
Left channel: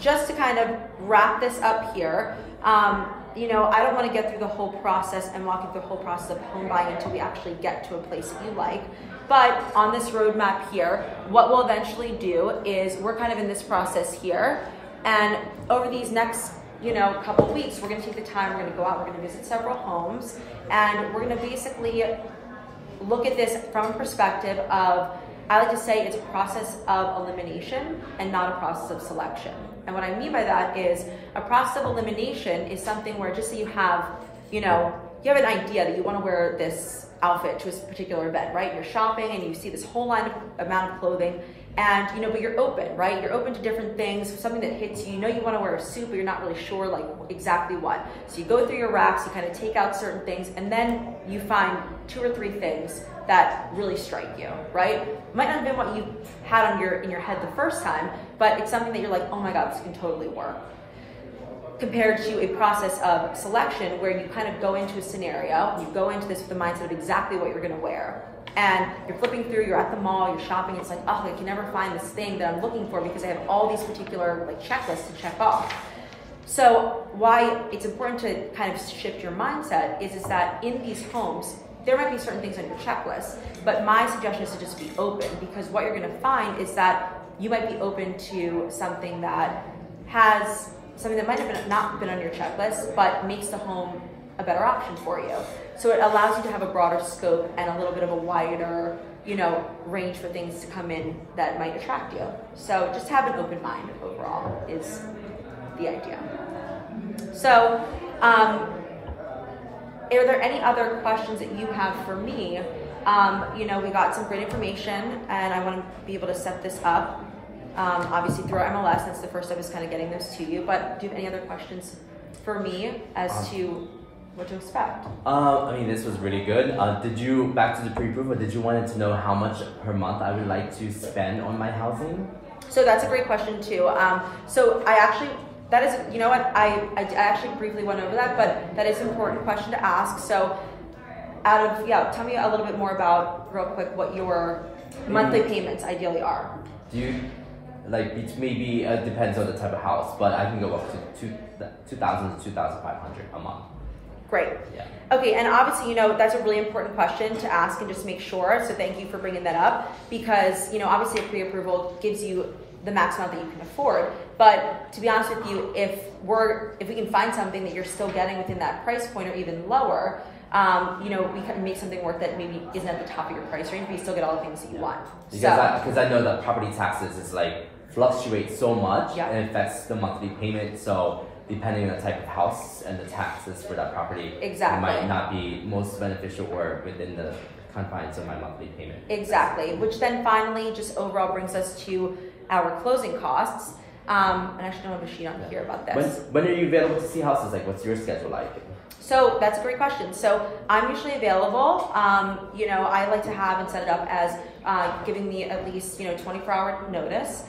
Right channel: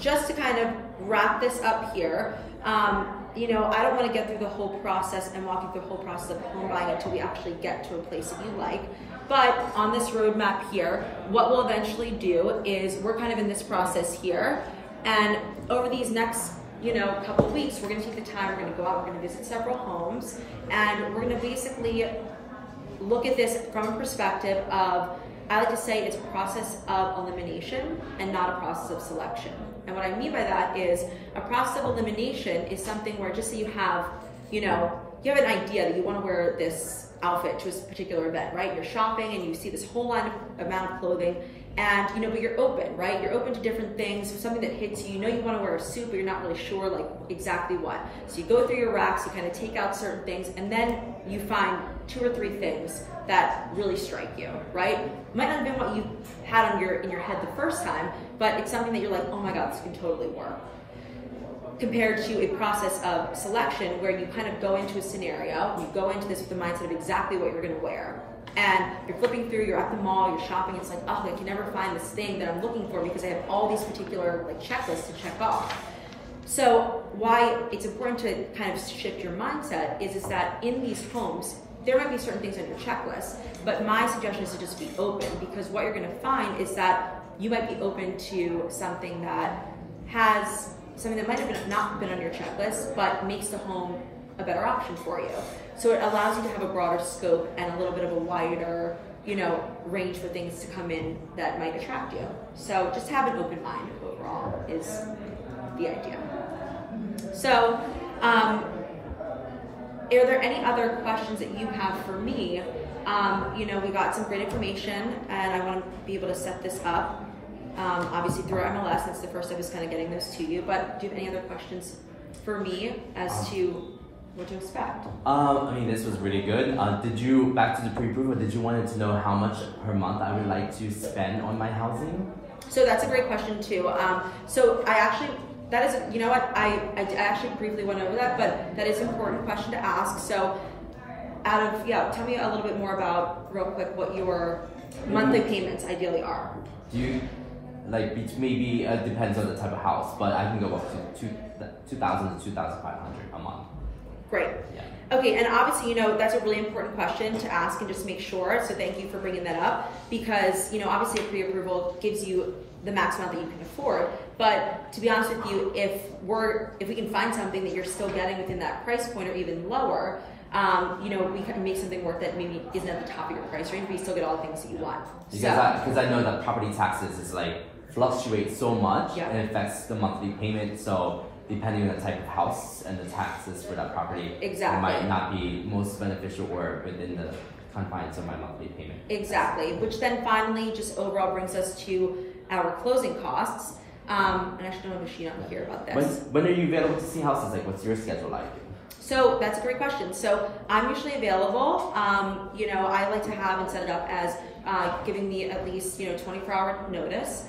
just to kind of wrap this up here, I don't want to get through the whole process and walk you through the whole process of home buying until we actually get to a place that you like. But on this roadmap here, what we'll eventually do is we're kind of in this process here. And over these next, couple of weeks, we're going to take the time, we're going to go out, we're going to visit several homes, and we're going to basically look at this from a perspective of, I like to say it's a process of elimination and not a process of selection. And what I mean by that is a process of elimination is something where just so you have, you have an idea that you want to wear this outfit to a particular event, right? You're shopping and you see this whole amount of clothing, and but you're open, right? You're open to different things, something that hits you. You want to wear a suit, but you're not really sure like exactly what. So you go through your racks, you kind of take out certain things, and then you find 2 or 3 things that really strike you, right? It might not have been what you had in your head the first time, but it's something that you're like, oh my God, this can totally work. Compared to a process of selection where you kind of go into a scenario, you go into this with the mindset of exactly what you're gonna wear. And you're flipping through, you're at the mall, you're shopping, it's like, oh, I can never find this thing that I'm looking for because I have all these particular like checklists to check off. So why it's important to kind of shift your mindset is that in these homes, there might be certain things on your checklist, but my suggestion is to just be open, because what you're gonna find is that you might be open to something that has something that might have not been on your checklist, but makes the home a better option for you. So it allows you to have a broader scope and a little bit of a wider, range for things to come in that might attract you. So just have an open mind overall is the idea. So, are there any other questions that you have for me? We got some great information, and I want to be able to set this up. Obviously through our MLS, that's the first step, is kind of getting this to you. But do you have any other questions for me as to what to expect? This was really good. Back to the pre-approval, did you want to know how much per month I would like to spend on my housing? So that's a great question too. So I actually, that is, I actually briefly went over that, but that is an important question to ask. So tell me a little bit more about, real quick, what your monthly payments ideally are. Do you, maybe it depends on the type of house, but I can go up to $2,000 to $2,500 a month. Great. Yeah. Okay, and obviously, that's a really important question to ask and just make sure. So thank you for bringing that up, because, obviously a pre-approval gives you the max amount that you can afford. But to be honest with you, if we can find something that you're still getting within that price point or even lower, we can make something work that maybe isn't at the top of your price range, but you still get all the things that you want. Because I know that property taxes is fluctuate so much, yeah, and it affects the monthly payment. So depending on the type of house and the taxes for that property, exactly, it might not be most beneficial or within the confines of my monthly payment. Exactly, which then finally just overall brings us to our closing costs. And I should have a machine on here about this. When are you available to see houses? What's your schedule like? So that's a great question. So I'm usually available. I like to have and set it up as giving me at least 24-hour notice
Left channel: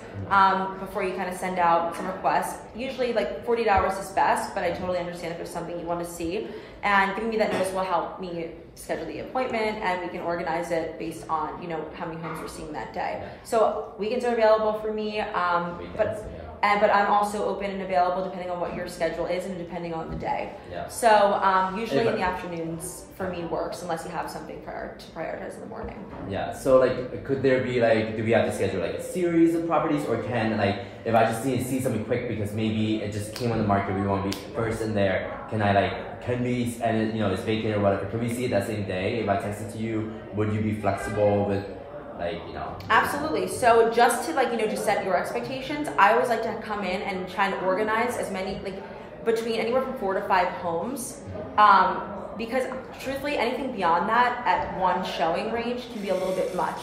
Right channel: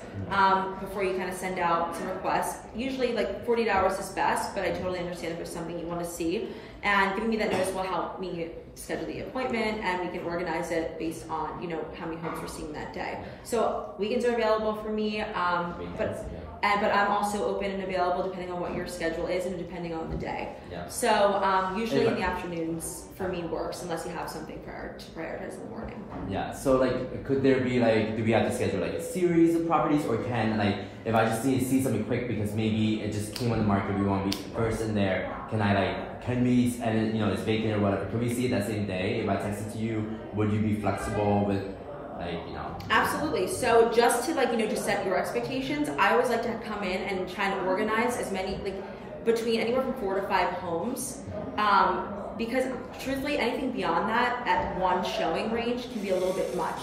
before you kind of send out some requests. Usually 48 hours is best, but I totally understand if there's something you want to see. And giving me that notice will help me schedule the appointment, and we can organize it based on how many homes we're seeing that day. So weekends are available for me, but I'm also open and available depending on what your schedule is and depending on the day. Yeah. So usually in the afternoons for me works, unless you have something to prioritize in the morning. Yeah. So could there be do we have to schedule a series of properties, or can if I just need to see something quick because maybe it just came on the market, we want to be first in there, can we, and it's vacant or whatever, can we see it that same day? If I text it to you, would you be flexible with Absolutely. So just to just set your expectations, I always like to come in and try and organize as many between anywhere from 4 to 5 homes, because truthfully anything beyond that at one showing range can be a little bit much.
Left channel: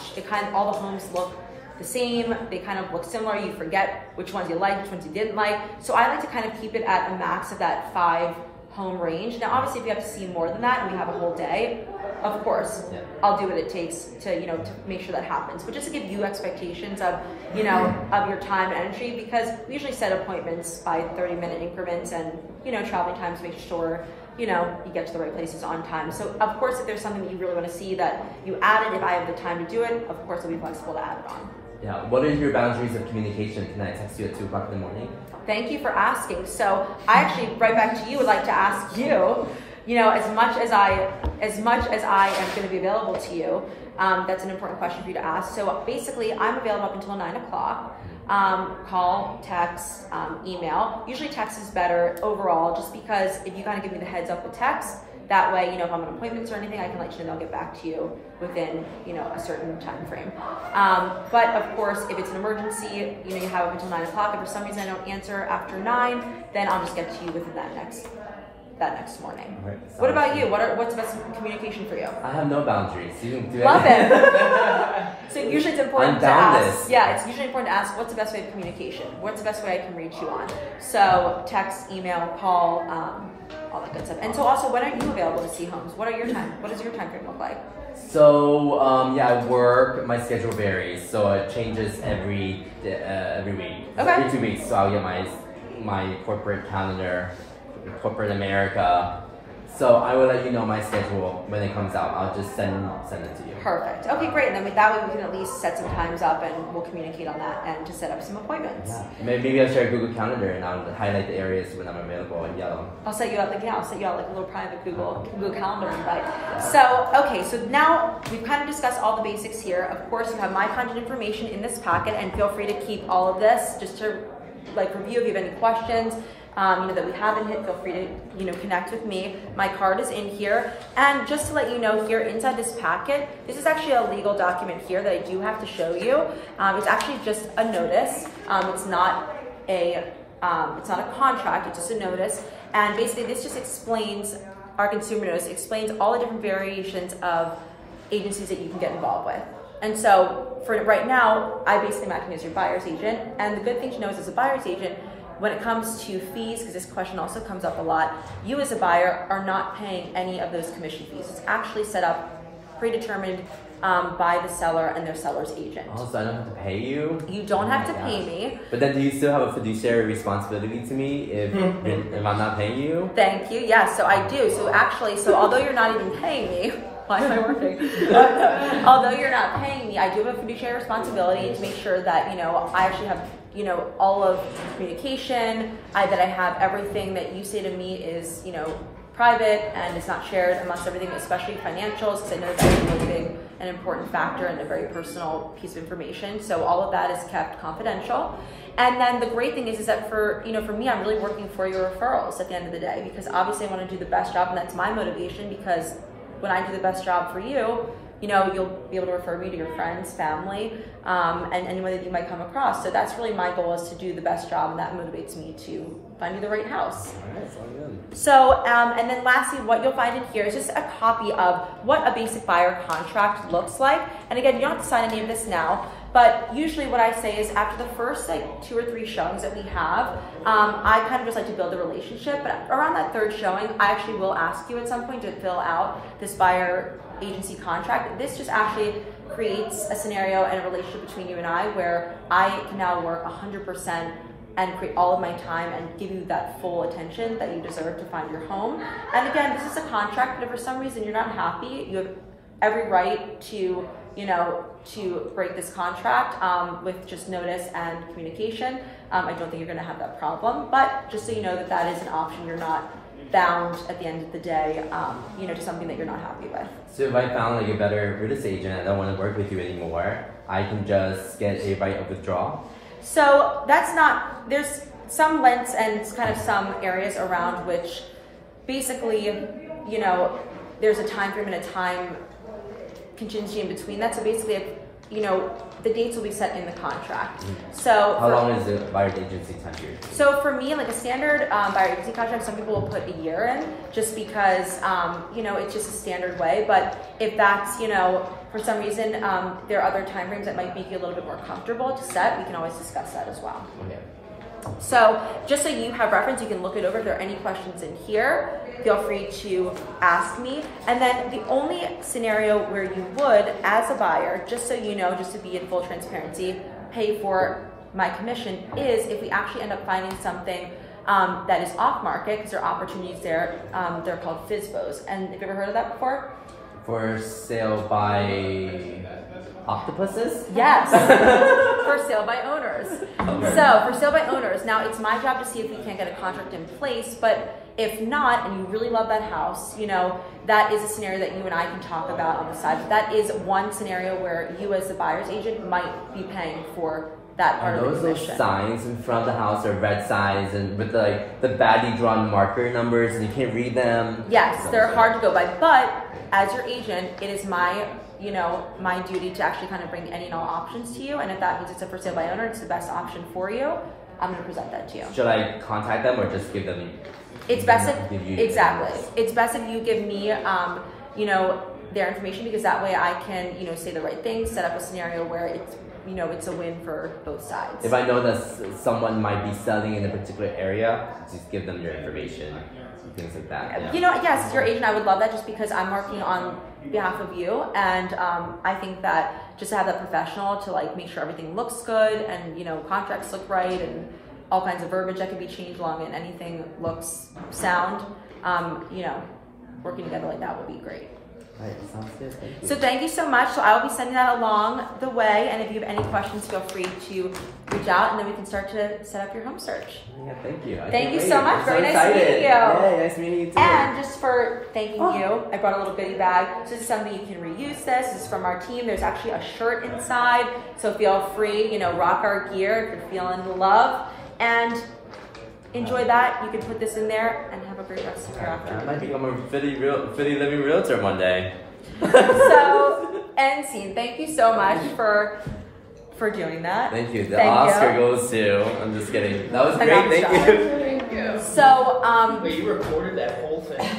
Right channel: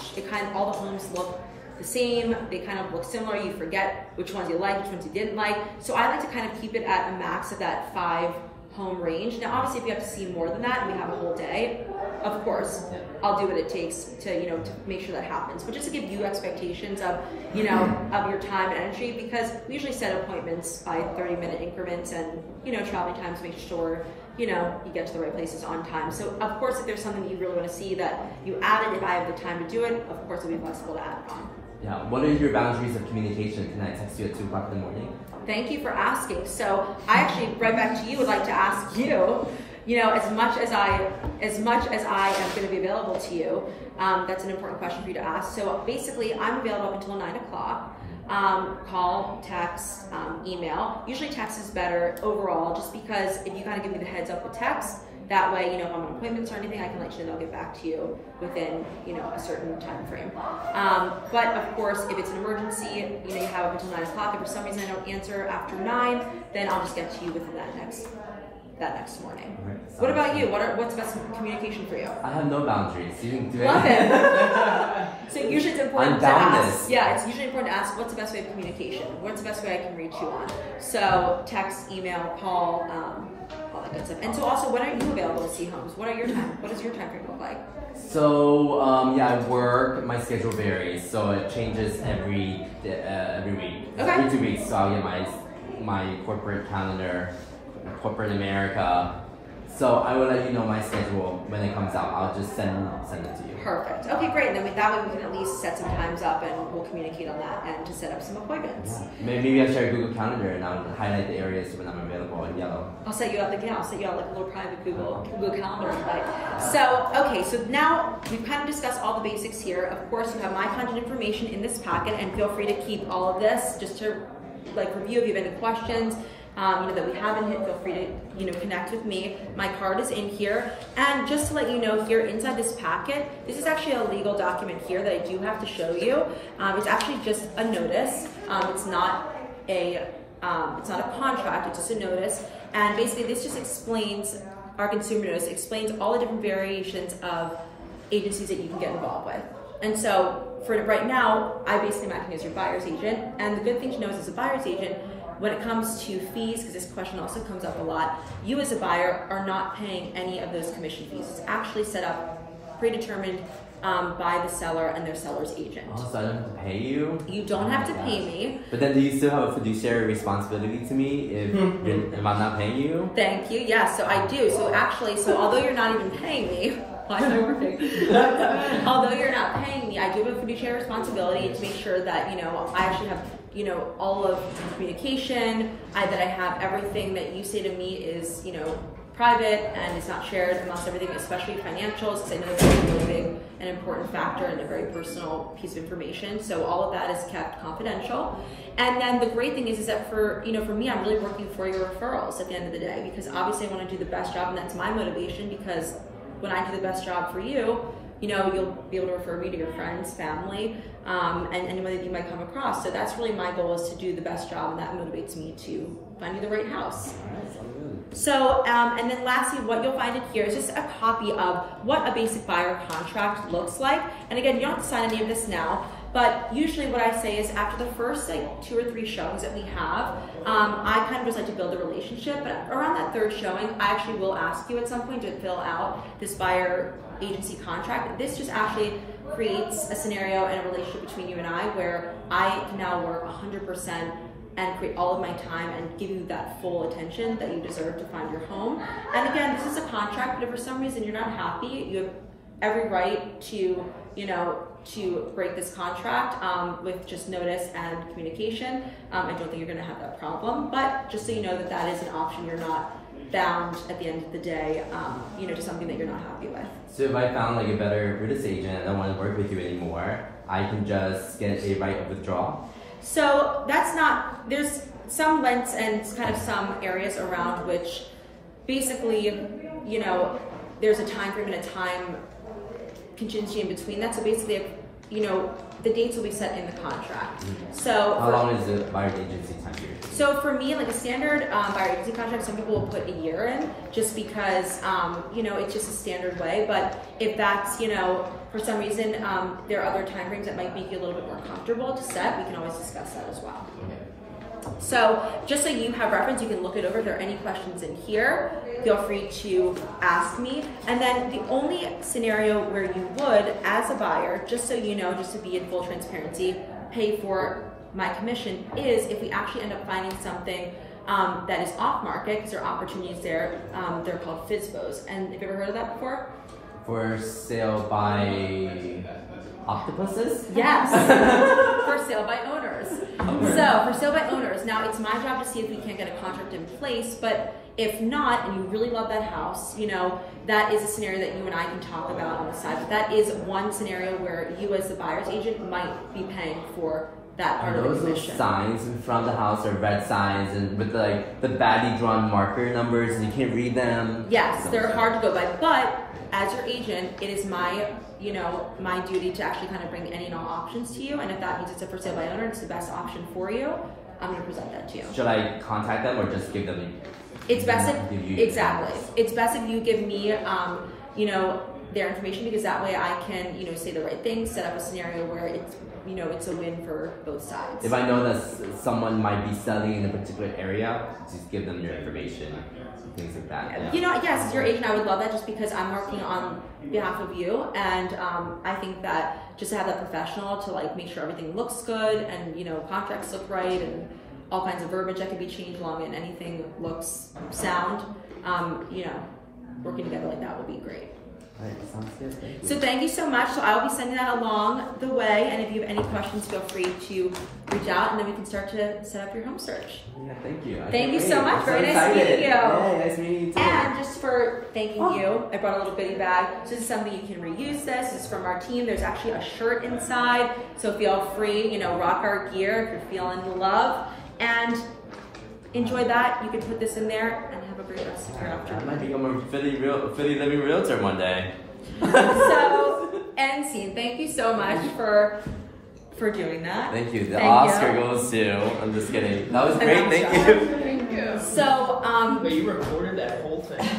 All the homes look the same, they kind of look similar, you forget which ones you like, which ones you didn't like. So I like to kind of keep it at a max of that 5 home range. Now obviously if you have to see more than that and we have a whole day, of course, yeah, I'll do what it takes to to make sure that happens. But just to give you expectations of of your time and energy, because we usually set appointments by 30-minute increments, and traveling times, make sure you get to the right places on time. So of course, if there's something that you really want to see that you added, if I have the time to do it, of course I'll be flexible to add it on. Yeah. What are your boundaries of communication? Can I text you at 2 o'clock in the morning? Thank you for asking. So I actually, right back to you, would like to ask you, as much as I am going to be available to you, that's an important question for you to ask. So basically, I'm available up until 9 o'clock. Call, text, email. Usually text is better overall, just because if you kind of give me the heads up with text, That way, you know, if I'm on appointments or anything, I can let you know, and I'll get back to you within, you know, a certain time frame. But of course, if it's an emergency, you know, you have up until 9 o'clock. If for some reason I don't answer after 9, then I'll just get to you within that next morning. Right. What about you? What's the best communication for you? I have no boundaries. You can do Love it. So usually it's important to boundless. ask. Yeah, it's usually important to ask, what's the best way of communication? What's the best way I can reach you on? So text, email, call, all that good stuff. And so also, when are you available to see homes? What does your time frame look like? So yeah, I work. My schedule varies, so it changes every week, Okay. every 2 weeks. So I'll get my corporate calendar, corporate America. So I will let you know my schedule when it comes out. I'll just send it to you. Perfect. Okay, great. And then that way we can at least set some times up, and we'll communicate on that and to set up some appointments. Yeah. Maybe I'll share a Google Calendar and I'll highlight the areas when I'm available in yellow. I'll set you up like a little private Google Calendar invite. So okay, so now we've kind of discussed all the basics here. Of course, you have my contact information in this packet, and feel free to keep all of this just to like review if you have any questions. That we haven't hit, feel free to, you know, connect with me. My card is in here. And just to let you know, here inside this packet, this is actually a legal document here that I do have to show you. It's actually just a notice. It's not a contract, it's just a notice. And basically this just explains, our consumer notice explains all the different variations of agencies that you can get involved with. And so for right now, I basically am acting as your buyer's agent. And the good thing to know is, as a buyer's agent, when it comes to fees, because this question also comes up a lot, you as a buyer are not paying any of those commission fees. It's actually set up, predetermined by the seller and the seller's agent. Oh, so I don't have to pay you? You don't have to pay me. But then do you still have a fiduciary responsibility to me if I'm not paying you? Thank you. Yes, so I do. So actually, although you're not even paying me, why am I working? Although you're not paying me, I do have a fiduciary responsibility to make sure that, you know, I actually have, you know, all of communication, that I have everything that you say to me is, you know, private and is not shared amongst everything, especially financials, because I know that's really an important factor and a very personal piece of information. So all of that is kept confidential. And then the great thing is that for me, I'm really working for your referrals at the end of the day, because obviously I want to do the best job, and that's my motivation, because when I do the best job for you, you know, you'll be able to refer me to your friends, family, and anyone that you might come across. So that's really my goal, is to do the best job, and that motivates me to find you the right house. All right, sounds good. So, and then lastly, what you'll find in here is just a copy of what a basic buyer contract looks like. And again, you don't have to sign any of this now, but usually what I say is, after the first like 2 or 3 showings that we have, I kind of just like to build a relationship. But around that 3rd showing, I actually will ask you at some point to fill out this buyer agency contract. This just actually creates a scenario and a relationship between you and I, where I can now work 100% and create all of my time and give you that full attention that you deserve to find your home. And again, this is a contract, but if for some reason you're not happy, you have every right to, you know, to break this contract with just notice and communication. I don't think you're gonna have that problem, but just so you know that that is an option. You're not bound at the end of the day, you know, to something that you're not happy with. So if I found like a better real estate agent, I don't want to work with you anymore, I can just get a right of withdrawal? So that's not, there's some lengths and kind of some areas around which basically, you know, there's a time frame and a time contingency in between that. So basically, you know, the dates will be set in the contract. So how long is the buyer agency time period? So for me, like a standard buyer agency contract, some people will put a year in, just because, you know, it's just a standard way. But if that's, you know, for some reason, there are other time frames that might make you a little bit more comfortable to set, we can always discuss that as well. Okay. So just so you have reference, you can look it over. If there are any questions in here, feel free to ask me. And then the only scenario where you would, as a buyer, just so you know, just to be in full transparency, pay for my commission is if we actually end up finding something that is off market, because there are opportunities there. They're called FSBOs. And have you ever heard of that before? For sale by octopuses? Yes. For sale by owners. Okay. So for sale by owners, now it's my job to see if we can get a contract in place, but if not, and you really love that house, you know, that is a scenario that you and I can talk about on the side. But that is one scenario where you as the buyer's agent might be paying for that part of the Those commission. signs in front of the house are red signs and with the badly drawn marker numbers and you can't read them. Yes, they're hard to go by, but as your agent, it is my my duty to actually kind of bring any and all options to you, and if that means it's a for sale by owner, it's the best option for you, I'm going to present that to you. Should I contact them or just give them? It's best give you exactly. It's best if you give me their information, because that way I can say the right things, set up a scenario where it's a win for both sides. If I know that someone might be selling in a particular area, just give them your information. Things like that. Yeah. Yes, as your agent, I would love that, just because I'm working on behalf of you, and I think that just to have that professional to make sure everything looks good and contracts look right and all kinds of verbiage that can be changed along and anything looks sound. Working together like that would be great. All right, sounds good. Thank you. So thank you so much. So I will be sending that along the way, and if you have any questions, feel free to reach out, and then we can start to set up your home search. Yeah, thank you. Thank you so much. I'm Very so nice to meet you. Yeah, nice meeting you too. And just for thanking you, I brought a little goodie bag. So this is something you can reuse. This is from our team. There's actually a shirt inside, so feel free, rock our gear if you're feeling the love, and enjoy that. You can put this in there and have a great rest of your afternoon. I might become a fitty living realtor one day. So, end scene. Thank you so much for doing that. Thank you. The Oscar goes to. I'm just kidding. That was great. Thank you. So, Wait, you recorded that whole thing?